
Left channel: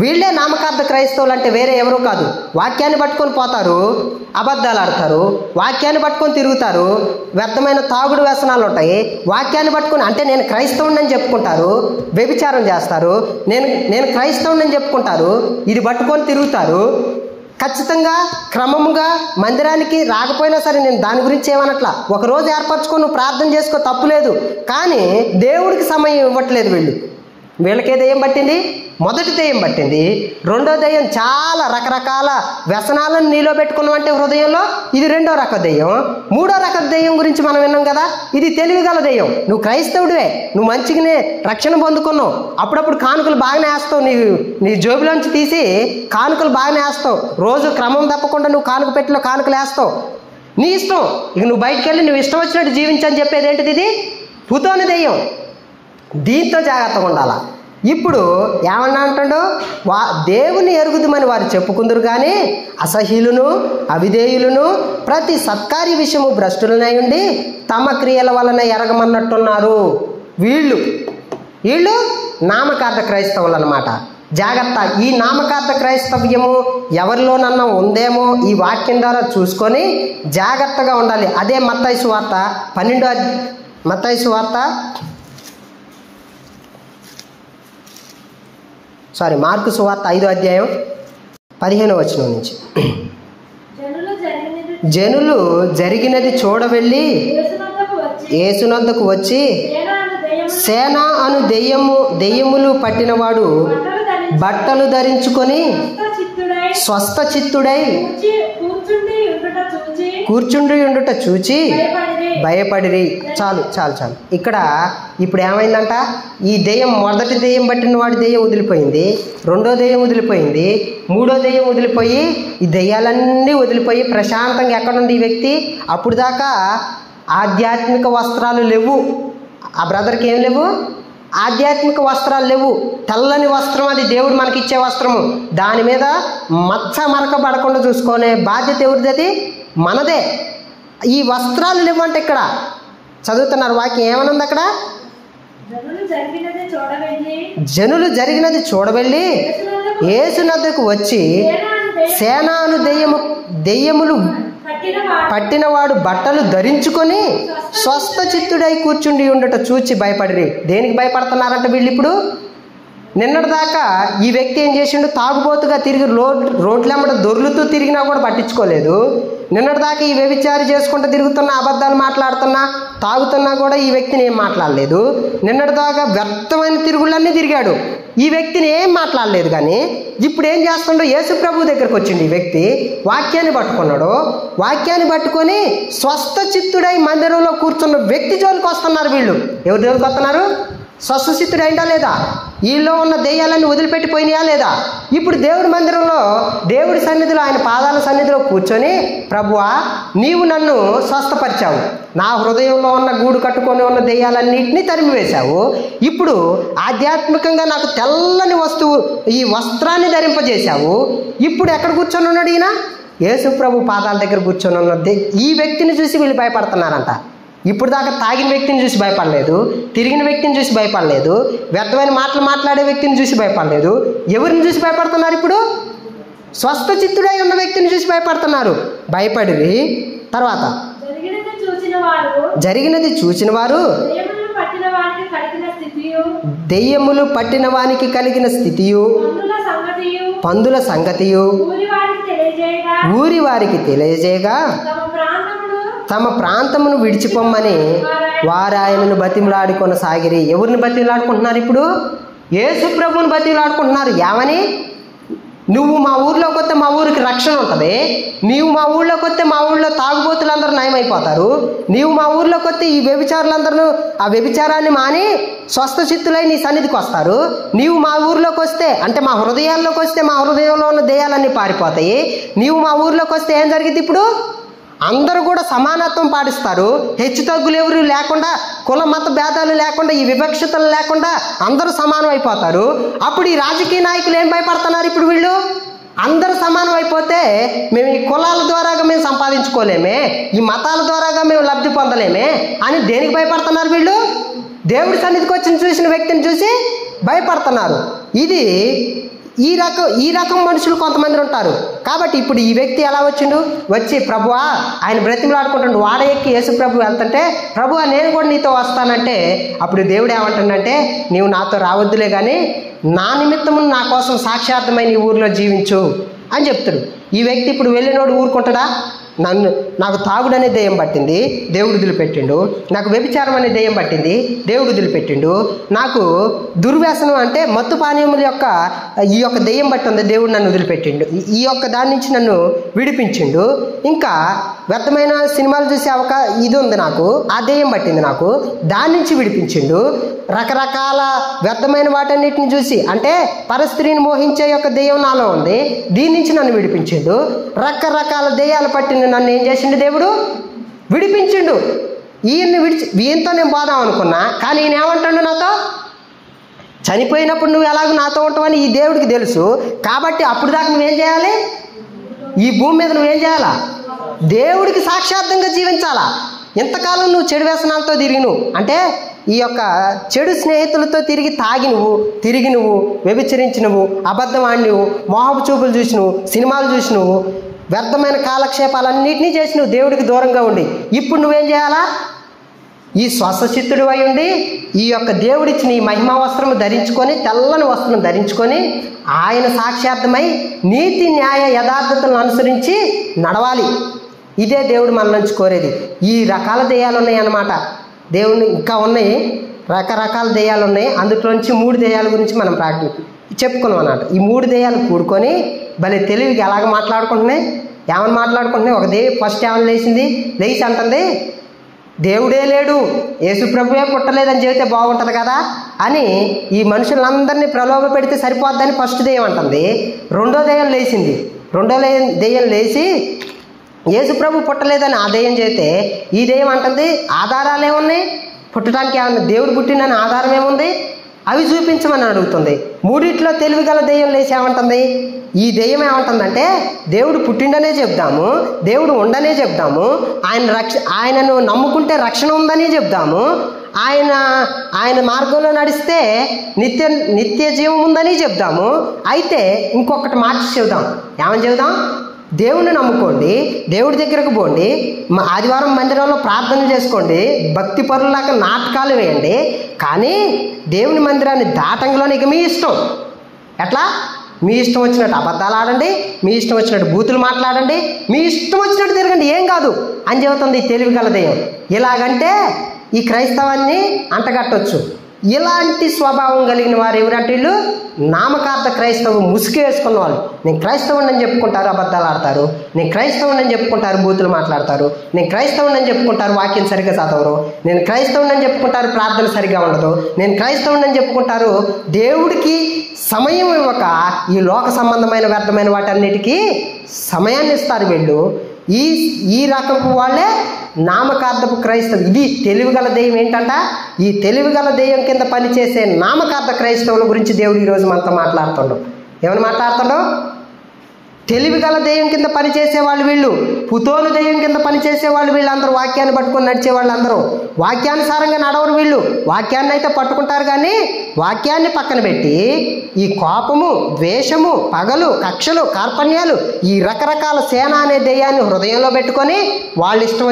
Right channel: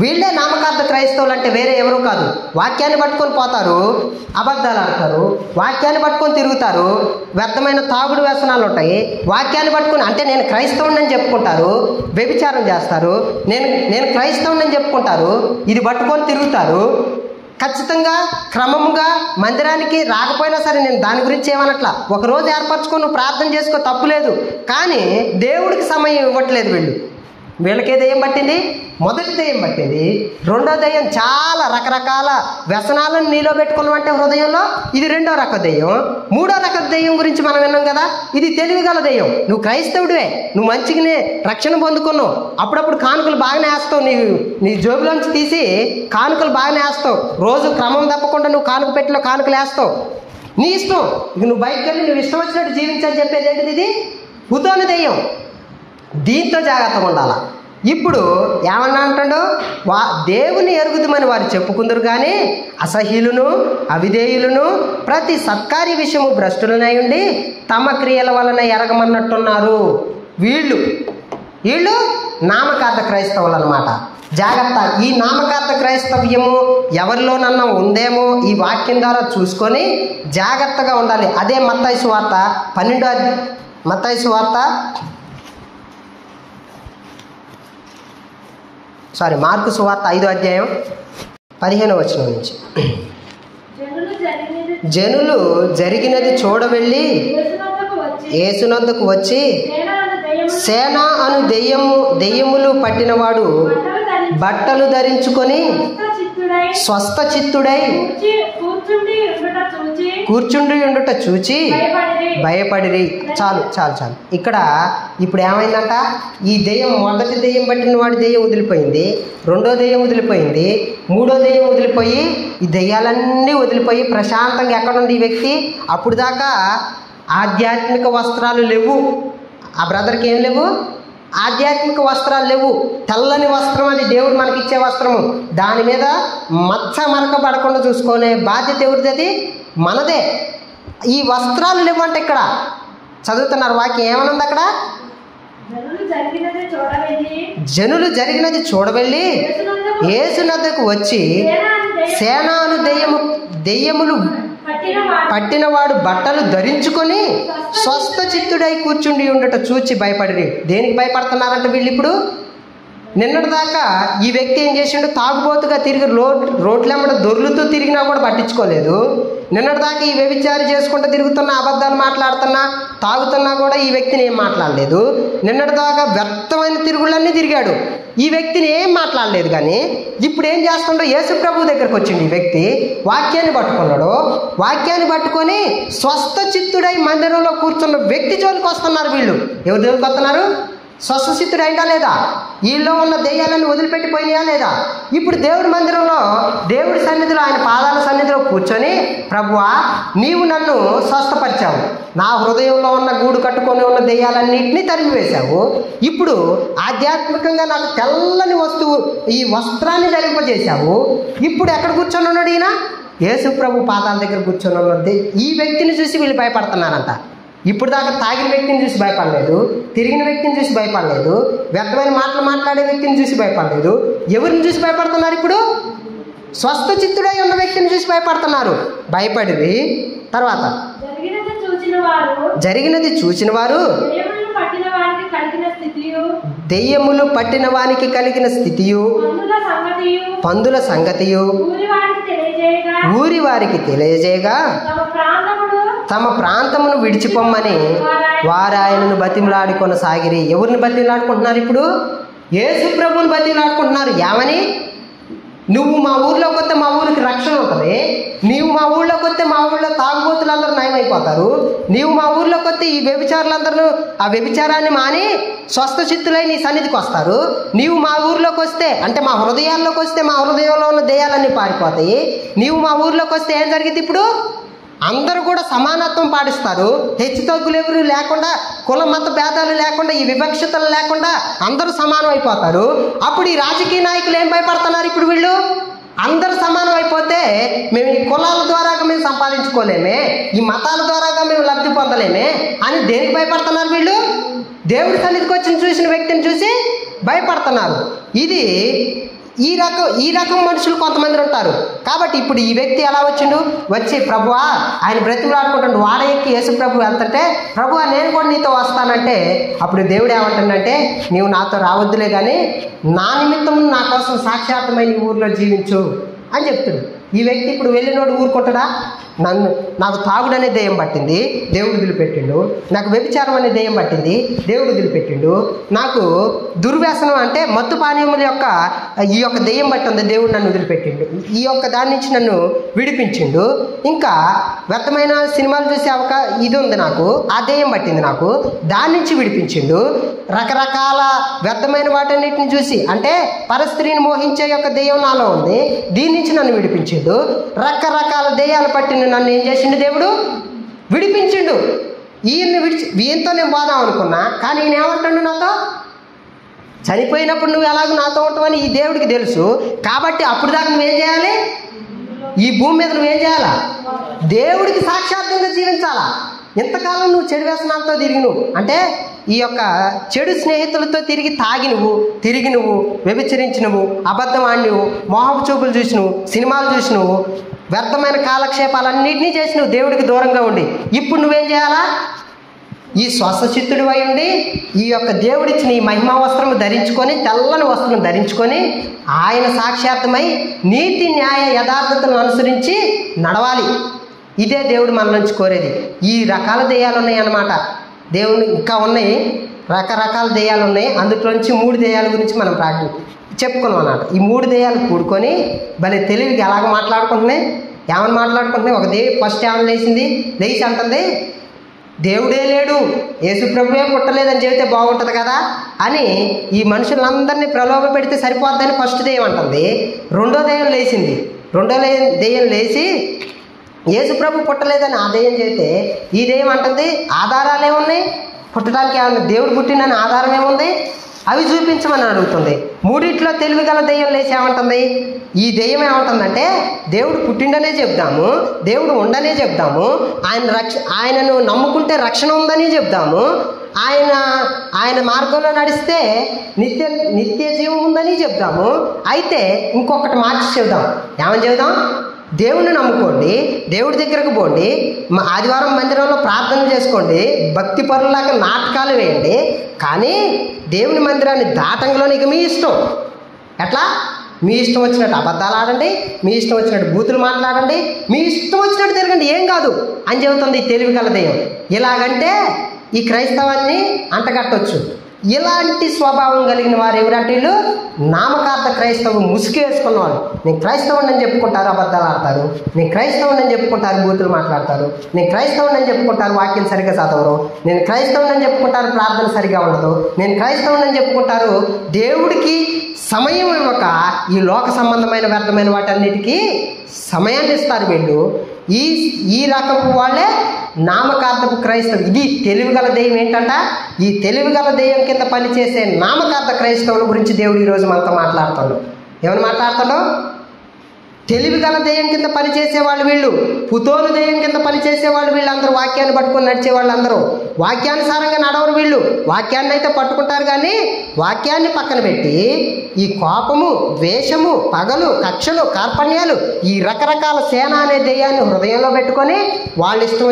వీళ్ళే నామకార్థ క్రైస్తవులు అంటే వేరే ఎవరు కాదు. వాక్యాన్ని పట్టుకొని పోతారు, అబద్ధాలు ఆడతారు, వాక్యాన్ని పట్టుకొని తిరుగుతారు, వ్యర్థమైన తాగుడు వ్యసనాలు ఉంటాయి. వాక్యాన్ని పట్టుకొని అంటే నేను క్రైస్తవుని అని చెప్పుకుంటారు, వ్యభిచారం చేస్తారు, నేను క్రైస్తవుని అని చెప్పుకుంటారు, ఇది పట్టుకొని తిరుగుతారు. ఖచ్చితంగా క్రమముగా మందిరానికి రాకపోయినా సరే నేను దాని గురించి ఏమనట్లా. ఒకరోజు ఏర్పరచుకొని నువ్వు ప్రార్థన చేసుకో, తప్పులేదు. కానీ దేవుడికి సమయం ఇవ్వట్లేదు. వీళ్ళకే దెయ్యం పట్టింది. మొదటి దెయ్యం పట్టింది. రెండో దెయ్యం చాలా రకరకాల వ్యసనాలను నీలో పెట్టుకున్నావు అంటే హృదయంలో, ఇది రెండో రక దెయ్యం. మూడో రక దెయ్యం గురించి మనం విన్నాం కదా, ఇది తెలివిగల దెయ్యం. నువ్వు క్రైస్తవుడివే, నువ్వు మంచిగానే రక్షణ పొందుకున్నావు, అప్పుడప్పుడు కానుకలు బాగానే వేస్తావు, నీ జోబులోంచి తీసి కానుకలు బాగానే వేస్తావు, రోజు క్రమం తప్పకుండా నువ్వు కానుక పెట్టిలో కానుకలు వేస్తావు, నీ ఇష్టం. ఇక నువ్వు బయటకు వెళ్ళి నువ్వు ఇష్టం వచ్చినట్టు జీవించని చెప్పేది ఏంటిది? ఇది పుతోను దెయ్యం. దీంతో జాగ్రత్తగా ఉండాలా. ఇప్పుడు ఏమన్నా అంటాడు? దేవుని ఎరుగుదమని వారు చెప్పుకుందరు, కానీ అసహ్యులను అవిధేయులను ప్రతి సత్కార్య విషయము భ్రష్టులనై ఉండి తమ క్రియల వలన ఎరగమన్నట్టున్నారు. వీళ్ళు నామకార్థ క్రైస్తవులు అన్నమాట. జాగ్రత్త. ఈ నామకార్థ క్రైస్తవ్యము ఎవరిలోనన్నా ఉందేమో ఈ వాక్యం ద్వారా చూసుకొని జాగ్రత్తగా ఉండాలి. అదే మత్తయి సువార్త 12 మార్కు సువార్త 5వ అధ్యాయం 15వ వచనం నుంచి. జనులు జరిగినది చూడవెళ్ళి యేసునొద్దకు వచ్చి సేన అను దెయ్యములు పట్టినవాడు బట్టలు ధరించుకొని స్వస్థ చిత్తుడై కూర్చుండి ఉండుట చూచి భయపడిరి. చాలు. ఇక్కడ ఇప్పుడు ఏమైందంట? ఈ దెయ్యం, మొదటి దెయ్యం పట్టిన వాడి దెయ్యం వదిలిపోయింది, రెండో దెయ్యం వదిలిపోయింది, మూడో దెయ్యం వదిలిపోయి ఈ దెయ్యాలన్నీ వదిలిపోయి ప్రశాంతంగా ఎక్కడుంది ఈ వ్యక్తి? అప్పుడు దాకా ఆధ్యాత్మిక వస్త్రాలు లేవు ఆ బ్రదర్కి. ఏం లేవు? ఆధ్యాత్మిక వస్త్రాలు లేవు. తెల్లని వస్త్రం, అది దేవుడు మనకి ఇచ్చే వస్త్రము. దాని మీద మచ్చ మరక పడకుండా చూసుకునే బాధ్యత ఎవరిది? అది మనదే. ఈ వస్త్రాలు లేవంటే ఇక్కడ చదువుతున్నారు వాక్యం. ఏమనుంది అక్కడ? జనులు జరిగినది చూడవెళ్ళి యేసునొద్దకు వచ్చి సేనాను దెయ్యములు పట్టినవాడు బట్టలు ధరించుకొని స్వస్థ చిత్తుడై కూర్చుండి ఉండట చూచి భయపడిరి. దేనికి భయపడుతున్నారంటే వీళ్ళు ఇప్పుడు నిన్నటిదాకా ఈ వ్యక్తి ఏం చేసిండు, తాగుబోతుగా తిరిగి రోడ్లెంబడ దొర్లుతూ తిరిగినా కూడా పట్టించుకోలేదు. నిన్నటిదాకా ఈ వ్యభిచారి చేసుకుంటూ తిరుగుతున్నా, అబద్ధాలు మాట్లాడుతున్నా, తాగుతున్నా కూడా ఈ వ్యక్తిని ఏం మాట్లాడలేదు. నిన్నటిదాకా వ్యర్థమైన తిరుగుళ్ళన్నీ తిరిగాడు, ఈ వ్యక్తిని ఏం మాట్లాడలేదు. కానీ ఇప్పుడు ఏం చేస్తుండో, యేసు ప్రభు దగ్గరకు వచ్చింది ఈ వ్యక్తి, వాక్యాన్ని పట్టుకున్నాడు. వాక్యాన్ని పట్టుకొని స్వస్థ చిత్తుడై మందిరంలో కూర్చున్న వ్యక్తి జోలికి వస్తున్నారు వీళ్ళు. ఎవరి జోలికి వస్తున్నారు? స్వస్థచిత్తుడు అయిందా లేదా? వీళ్ళలో ఉన్న దెయ్యాలన్నీ వదిలిపెట్టిపోయినాయా లేదా? ఇప్పుడు దేవుడి మందిరంలో, దేవుడి సన్నిధిలో, ఆయన పాదాల సన్నిధిలో కూర్చొని, ప్రభువా నీవు నన్ను స్వస్థపరిచావు, నా హృదయంలో ఉన్న గూడు కట్టుకొని ఉన్న దెయ్యాలన్నింటినీ తరిమివేశావు, ఇప్పుడు ఆధ్యాత్మికంగా నాకు తెల్లని వస్తువు, ఈ వస్త్రాన్ని ధరింపజేశావు. ఇప్పుడు ఎక్కడ కూర్చొని ఉన్నాడు ఈయన? యేసు ప్రభు పాదాల దగ్గర కూర్చొని ఉన్నది. ఈ వ్యక్తిని చూసి వీళ్ళు భయపడుతున్నారంట. ఇప్పుడు దాకా తాగిన వ్యక్తిని చూసి భయపడలేదు, తిరిగిన వ్యక్తిని చూసి భయపడలేదు, వ్యర్థమైన మాటలు మాట్లాడే వ్యక్తిని చూసి భయపడలేదు. ఎవరిని చూసి భయపడుతున్నారు? ఇప్పుడు స్వస్థ చిత్తుడై ఉన్న వ్యక్తిని చూసి భయపడుతున్నారు. భయపడి తర్వాత జరిగినది చూచిన వారు దెయ్యములు పట్టిన వానికి కలిగిన స్థితియు పందుల సంగతియు ఊరి వారికి తెలియజేయగా తమ ప్రాంతమును విడిచిపోమ్మని వారు ఆయనను బతిమలాడి కొనసాగిరి. ఎవరిని బతిమలాడుకుంటున్నారు? ఇప్పుడు యేసు ప్రభువుని బతిమలాడుకుంటున్నారు. ఏమని? నువ్వు మా ఊర్లోకి వస్తే మా ఊరికి రక్షణ ఉంటుంది, నీవు మా ఊళ్ళోకి వస్తే మా ఊళ్ళో తాగుబోతులందరూ నయమైపోతారు, నీవు మా ఊర్లోకి వస్తే ఈ వ్యభిచారులందరూ ఆ వ్యభిచారాన్ని మాని స్వస్థ చిత్తులై నీ సన్నిధికి వస్తారు, నీవు మా ఊర్లోకి వస్తే, అంటే మా హృదయాల్లోకి వస్తే మా హృదయంలో ఉన్న దెయ్యాలన్నీ పారిపోతాయి, నీవు మా ఊర్లోకి వస్తే ఏం జరిగింది? ఇప్పుడు అందరూ కూడా సమానత్వం పాటిస్తారు, హెచ్చు తగ్గులు ఎవరు లేకుండా, కుల మత భేదాలు లేకుండా, ఈ వివక్షతలు లేకుండా అందరూ సమానం అయిపోతారు. అప్పుడు ఈ రాజకీయ నాయకులు ఏం భయపడుతున్నారు? ఇప్పుడు వీళ్ళు అందరూ సమానం అయిపోతే మేము ఈ కులాల ద్వారాగా మేము సంపాదించుకోలేమే, ఈ మతాల ద్వారాగా మేము లబ్ధి పొందలేమే అని దేనికి భయపడుతున్నారు వీళ్ళు? దేవుడి సన్నిధికి వచ్చి చూసిన వ్యక్తిని చూసి భయపడుతున్నారు. ఇది ఈ రకం మనుషులు కొంతమంది ఉంటారు. కాబట్టి ఇప్పుడు ఈ వ్యక్తి ఎలా వచ్చిండు? వచ్చి ప్రభువా ఆయన బ్రతిమలాడుకుంటాడు. వాడ ఎక్కి యేసు ప్రభు వెళ్తుంటే, ప్రభువా నేను కూడా నీతో వస్తానంటే, అప్పుడు దేవుడు ఏమంటాడంటే, నీవు నాతో రావద్దులే కానీ నా నిమిత్తము నా కోసం సాక్షార్థమై నీ ఊరిలో జీవించు అని చెప్తాడు. ఈ వ్యక్తి ఇప్పుడు వెళ్ళినోడు ఊరుకుంటాడా? నాకు తాగుడు అనే దెయ్యం పట్టింది, దేవుడు వదిలిపెట్టిండు. నాకు వ్యభిచారం అనే దెయ్యం పట్టింది, దేవుడు వదిలిపెట్టిండు. నాకు దుర్వ్యసనం అంటే మత్తు పానీయముల యొక్క ఈ యొక్క దెయ్యం పట్టింది, దేవుడు నన్ను వదిలిపెట్టిండు. ఈ యొక్క దాని నుంచి నన్ను విడిపించిండు. ఇంకా వ్యర్థమైన సినిమాలు చూసే ఇది ఉంది నాకు, ఆ దెయ్యం పట్టింది నాకు, దాని నుంచి విడిపించిండు. రకరకాల వ్యర్థమైన వాటన్నిటిని చూసి, అంటే పరస్త్రీని మోహించే యొక్క దెయ్యం నాలో ఉంది, దీని నుంచి నన్ను విడిపించిండు. రకరకాల దెయ్యాలు పట్టిన నన్ను ఏం చేసిండు? దేవుడు విడిపించిండు. ఈయనతో నేను పోదాం అనుకున్నా, కానీ ఈయన ఏమంటాడు నాతో? చనిపోయినప్పుడు నువ్వు ఎలాగో నాతో ఉంటావని ఈ దేవుడికి తెలుసు. కాబట్టి అప్పుడు దాకా నువ్వేం చేయాలి? ఈ భూమి మీద నువ్వేం చేయాలా? దేవుడికి సాక్షాత్తంగా జీవించాలా. ఎంతకాలం నువ్వు చెడు వ్యసనాలతో తిరిగి నువ్వు, అంటే ఈ యొక్క చెడు స్నేహితులతో తిరిగి నువ్వు వ్యభిచరించి నువ్వు, అబద్ధం ఆడి నువ్వు, మోహపు చూపులు చూసి నువ్వు, సినిమాలు చూసి నువ్వు, వ్యర్థమైన కాలక్షేపాలన్నింటినీ చేసి నువ్వు దేవుడికి దూరంగా ఉండి, ఇప్పుడు నువ్వేం చేయాలా? ఈ స్వస్థచిత్తుడు అయి ఉండి ఈ యొక్క దేవుడిచ్చిన ఈ మహిమా వస్త్రం ధరించుకొని, తెల్లని వస్త్రం ధరించుకొని, ఆయన సాక్షార్థమై నీతి న్యాయ యథార్థతను అనుసరించి నడవాలి. ఇదే దేవుడు మన నుంచి కోరేది. ఈ రకాల దెయ్యాలు ఉన్నాయి అన్నమాట. దేవుని ఇంకా ఉన్నాయి, రకరకాల దెయ్యాలు ఉన్నాయి. అందులోంచి 3 దెయ్యాల గురించి మనం చెప్పుకున్నాం అన్నమాట. ఈ 3 దెయ్యాలు కూడుకొని భలే తెలివిగా ఎలాగ మాట్లాడుకుంటున్నాయి, ఏమని మాట్లాడుకుంటున్నాయి. ఒక దెయ్యం ఫస్ట్ ఏమని లేచి అంటుంది, దేవుడే లేడు, యేసు ప్రభువే పుట్టలేదని చెబితే బాగుంటుంది కదా అని ఈ మనుషులందరినీ ప్రలోభ పెడితే సరిపోద్దని ఫస్ట్ దెయ్యం అంటుంది. రెండో దెయ్యం లేచింది. రెండో దెయ్యం లేచి యేసు ప్రభు పుట్టలేదని ఆ దెయ్యం చేస్తే ఈ దెయ్యం అంటుంది, ఆధారాలు ఏమున్నాయి, పుట్టడానికి ఏమన్నా దేవుడు పుట్టినని ఆధారం ఏముంది, అవి చూపించమని అడుగుతుంది. 3 తెలివిగల దెయ్యం లేచి ఏమంటుంది? ఈ దెయ్యం ఏమంటుందంటే, దేవుడు పుట్టిండనే చెప్దాము, దేవుడు ఉండనే చెప్దాము, ఆయనను నమ్ముకుంటే రక్షణ ఉందని చెప్దాము, ఆయన మార్గంలో నడిస్తే నిత్య జీవం ఉందని చెప్దాము. అయితే ఇంకొకటి మార్చి చెబుదాం. ఏమని చెబుదాం? దేవుణ్ణి నమ్ముకోండి, దేవుడి దగ్గరకు పోండి, ఆదివారం మందిరంలో ప్రార్థన చేసుకోండి, భక్తి పరులాగా నాటకాలు వేయండి. కానీ దేవుని మందిరాన్ని దాటంలోనే ఇక మీ ఇష్టం. ఎట్లా? మీ ఇష్టం వచ్చినట్టు అబద్ధాలు ఆడండి, మీ ఇష్టం వచ్చినట్టు బూతులు మాట్లాడండి, మీ ఇష్టం వచ్చినట్టు తిరగండి, ఏం కాదు అని చెబుతుంది ఈ తెలివి గల దెయ్యం. ఇలాగంటే ఈ క్రైస్తవాన్ని అంటగట్టవచ్చు. ఇలాంటి స్వభావం కలిగిన వారు ఎవరంటే వీళ్ళు నామకార్థ క్రైస్తవం ముసుగు వేసుకున్న వాళ్ళు. నేను క్రైస్తవుని అని చెప్పుకుంటారు, అబద్ధాలు ఆడతారు. నేను క్రైస్తవుని అని చెప్పుకుంటారు, బూతులు మాట్లాడతారు. నేను క్రైస్తవుని అని చెప్పుకుంటారు, వాక్యం సరిగ్గా చదవరు. నేను క్రైస్తవుని అని చెప్పుకుంటారు, ప్రార్థన సరిగ్గా ఉండదు. నేను క్రైస్తవుని అని చెప్పుకుంటారు, దేవుడికి సమయం ఇవ్వక ఈ లోక సంబంధమైన వ్యర్థమైన వాటన్నిటికీ సమయాన్ని ఇస్తారు వీళ్ళు. ఈ రకపు వాళ్ళే నామకార్థపు క్రైస్తవులు. ఇది తెలివిగల దెయ్యం. ఏంటంట? ఈ తెలివిగల దెయ్యం కింద పనిచేసే నామకార్థ క్రైస్తవుల గురించి దేవుడు ఈరోజు మనతో మాట్లాడుతాడు. ఏమని మాట్లాడతాడు? తెలివిగల దెయ్యం కింద పనిచేసే వాళ్ళు వీళ్ళు, పుతోలు దెయ్యం కింద పనిచేసే వాళ్ళు వీళ్ళందరూ, వాక్యాన్ని పట్టుకుని నడిచే వాళ్ళందరూ వాక్యానుసారంగా నడవరు వీళ్ళు. వాక్యాన్ని అయితే పట్టుకుంటారు కానీ వాక్యాన్ని పక్కన పెట్టి ఈ కోపము, ద్వేషము, పగలు, కక్షలు, కార్పణ్యాలు, ఈ రకరకాల సేన అనే దెయ్యాన్ని హృదయంలో పెట్టుకొని వాళ్ళ ఇష్టం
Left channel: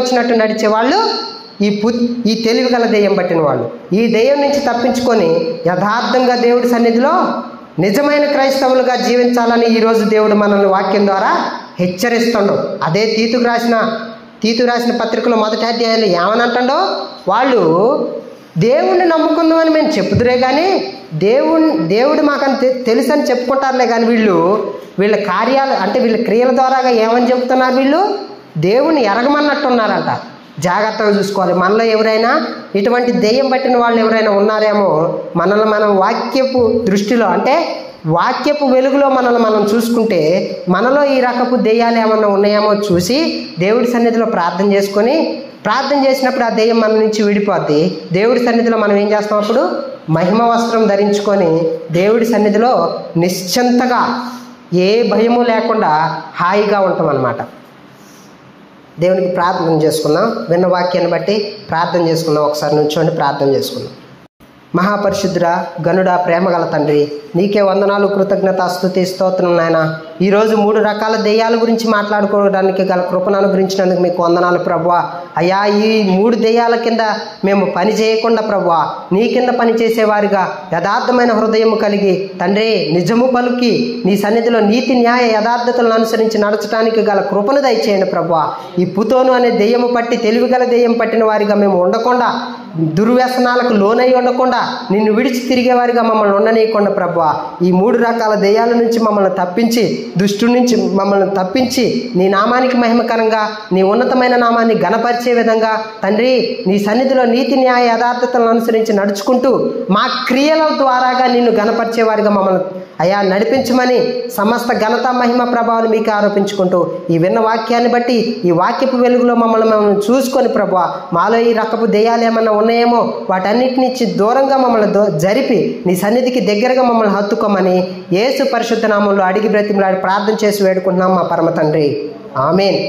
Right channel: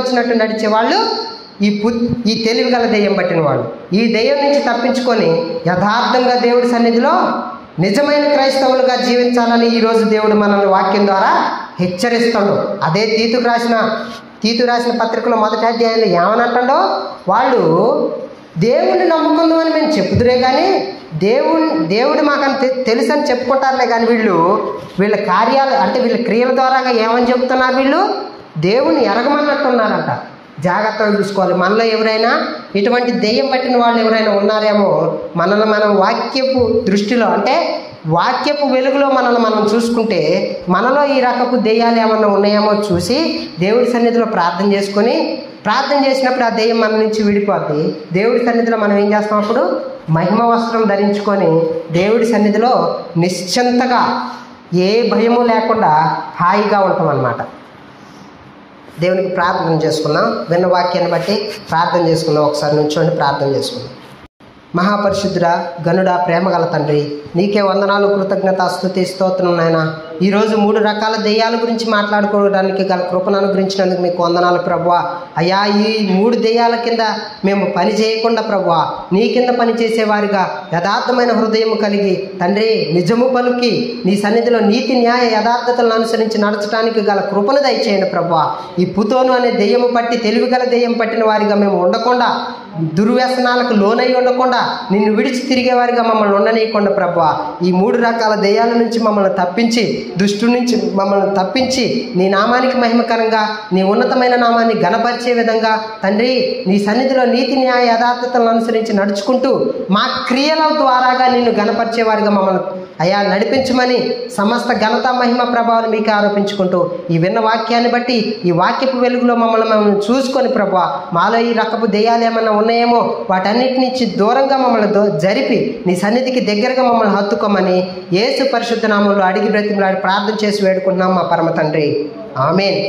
వచ్చినట్టు నడిచే వాళ్ళు ఈ తెలివిగల దెయ్యం పట్టిన వాళ్ళు. ఈ దెయ్యం నుంచి తప్పించుకొని యథార్థంగా దేవుడి సన్నిధిలో నిజమైన క్రైస్తవులుగా జీవించాలని ఈరోజు దేవుడు మనల్ని వాక్యం ద్వారా హెచ్చరిస్తాడు. అదే తీతు రాసిన పత్రికలో మొదటి అధ్యాయంలో ఏమనంటాడో, వాళ్ళు దేవుణ్ణి నమ్ముకున్నామని మేము చెప్పుదురే కానీ దేవుడు మాకని తెలుసని చెప్పుకుంటారులే కానీ వీళ్ళ కార్యాలు అంటే వీళ్ళ క్రియల ద్వారాగా ఏమని చెప్తున్నారు? వీళ్ళు దేవుణ్ణి ఎరగమన్నట్టున్నారంట. జాగ్రత్తగా చూసుకోవాలి. మనలో ఎవరైనా ఇటువంటి దెయ్యం పట్టిన వాళ్ళు ఎవరైనా ఉన్నారేమో, మనల్ని మనం వాక్యపు దృష్టిలో అంటే వాక్యపు వెలుగులో మనల్ని మనం చూసుకుంటే మనలో ఈ రకపు దెయ్యాలు ఏమన్నా ఉన్నాయేమో చూసి దేవుడి సన్నిధిలో ప్రార్థన చేసుకొని, ప్రార్థన చేసినప్పుడు ఆ దెయ్యం మన నుంచి విడిపోద్ది. దేవుడి సన్నిధిలో మనం ఏం చేస్తాం? అప్పుడు మహిమ వస్త్రం ధరించుకొని దేవుడి సన్నిధిలో నిశ్చింతగా ఏ భయము లేకుండా హాయిగా ఉంటాం అన్నమాట. దేవునికి ప్రార్థన చేసుకున్నాం. విన్న వాక్యాన్ని బట్టి ప్రార్థన చేసుకున్నాం. ఒకసారి నుంచోండి, ప్రార్థన చేసుకున్నాం. మహాపరిశుద్ధుడా, గనుడా, ప్రేమగల తండ్రి, నీకే వందనాలు, కృతజ్ఞత, స్తుతి, స్తోత్రం నాయన. ఈరోజు 3 రకాల దెయ్యాల గురించి మాట్లాడుకోవడానికి గల కృపను అనుగ్రహించినందుకు మీకు వందనాలు ప్రభువా. అయ్యా, ఈ 3 దెయ్యాల కింద మేము పని చేయకుండా ప్రభువా, నీ కింద పనిచేసేవారిగా యథార్థమైన హృదయం కలిగి తండ్రి నిజము పలుకి నీ సన్నిధిలో నీతి, న్యాయ, యథార్థతలను అనుసరించి నడచడానికి గల కృపను దయచేయండి ప్రభువా. ఈ పుతోను అనే దెయ్యము పట్టి తెలివిగల దెయ్యం పట్టిన వారిగా మేము ఉండకుండా, దుర్వ్యసనాలకు లోనై ఉండకుండా, నిన్ను విడిచి తిరిగేవారిగా మమ్మల్ని ఉండనీయకుండా ప్రభువా, ఈ 3 రకాల దెయ్యాల నుంచి మమ్మల్ని తప్పించి, దుష్టు నుంచి మమ్మల్ని తప్పించి, నీ నామానికి మహిమకరంగా, నీ ఉన్నతమైన నామాన్ని ఘనపరిచే విధంగా తండ్రి నీ సన్నిధిలో నీతి, న్యాయ, యథార్థతలను అనుసరించి నడుచుకుంటూ మా క్రియల ద్వారాగా నిన్ను ఘనపరిచేవారిగా మమ్మల్ని అయ్యా నడిపించమని సమస్త ఘనత, మహిమ, ప్రభావాలు మీకు ఆరోపించుకుంటూ ఈ విన్న వాక్యాన్ని బట్టి ఈ వాక్యపు వెలుగులో మమ్మల్ని చూసుకొని ప్రభువా, మాలో ఈ రకపు దెయ్యాలు ఏమన్నా ఉన్నాయేమో వాటన్నిటి నుంచి దూరంగా మమ్మల్ని జరిపి నీ సన్నిధికి దగ్గరగా మమ్మల్ని హత్తుకోమని యేసు పరిశుద్ధ నామంలో అడిగి బ్రతిమలాడి ప్రార్థన చేసి వేడుకుంటున్నాం మా పరమ తండ్రి. ఆమేన్.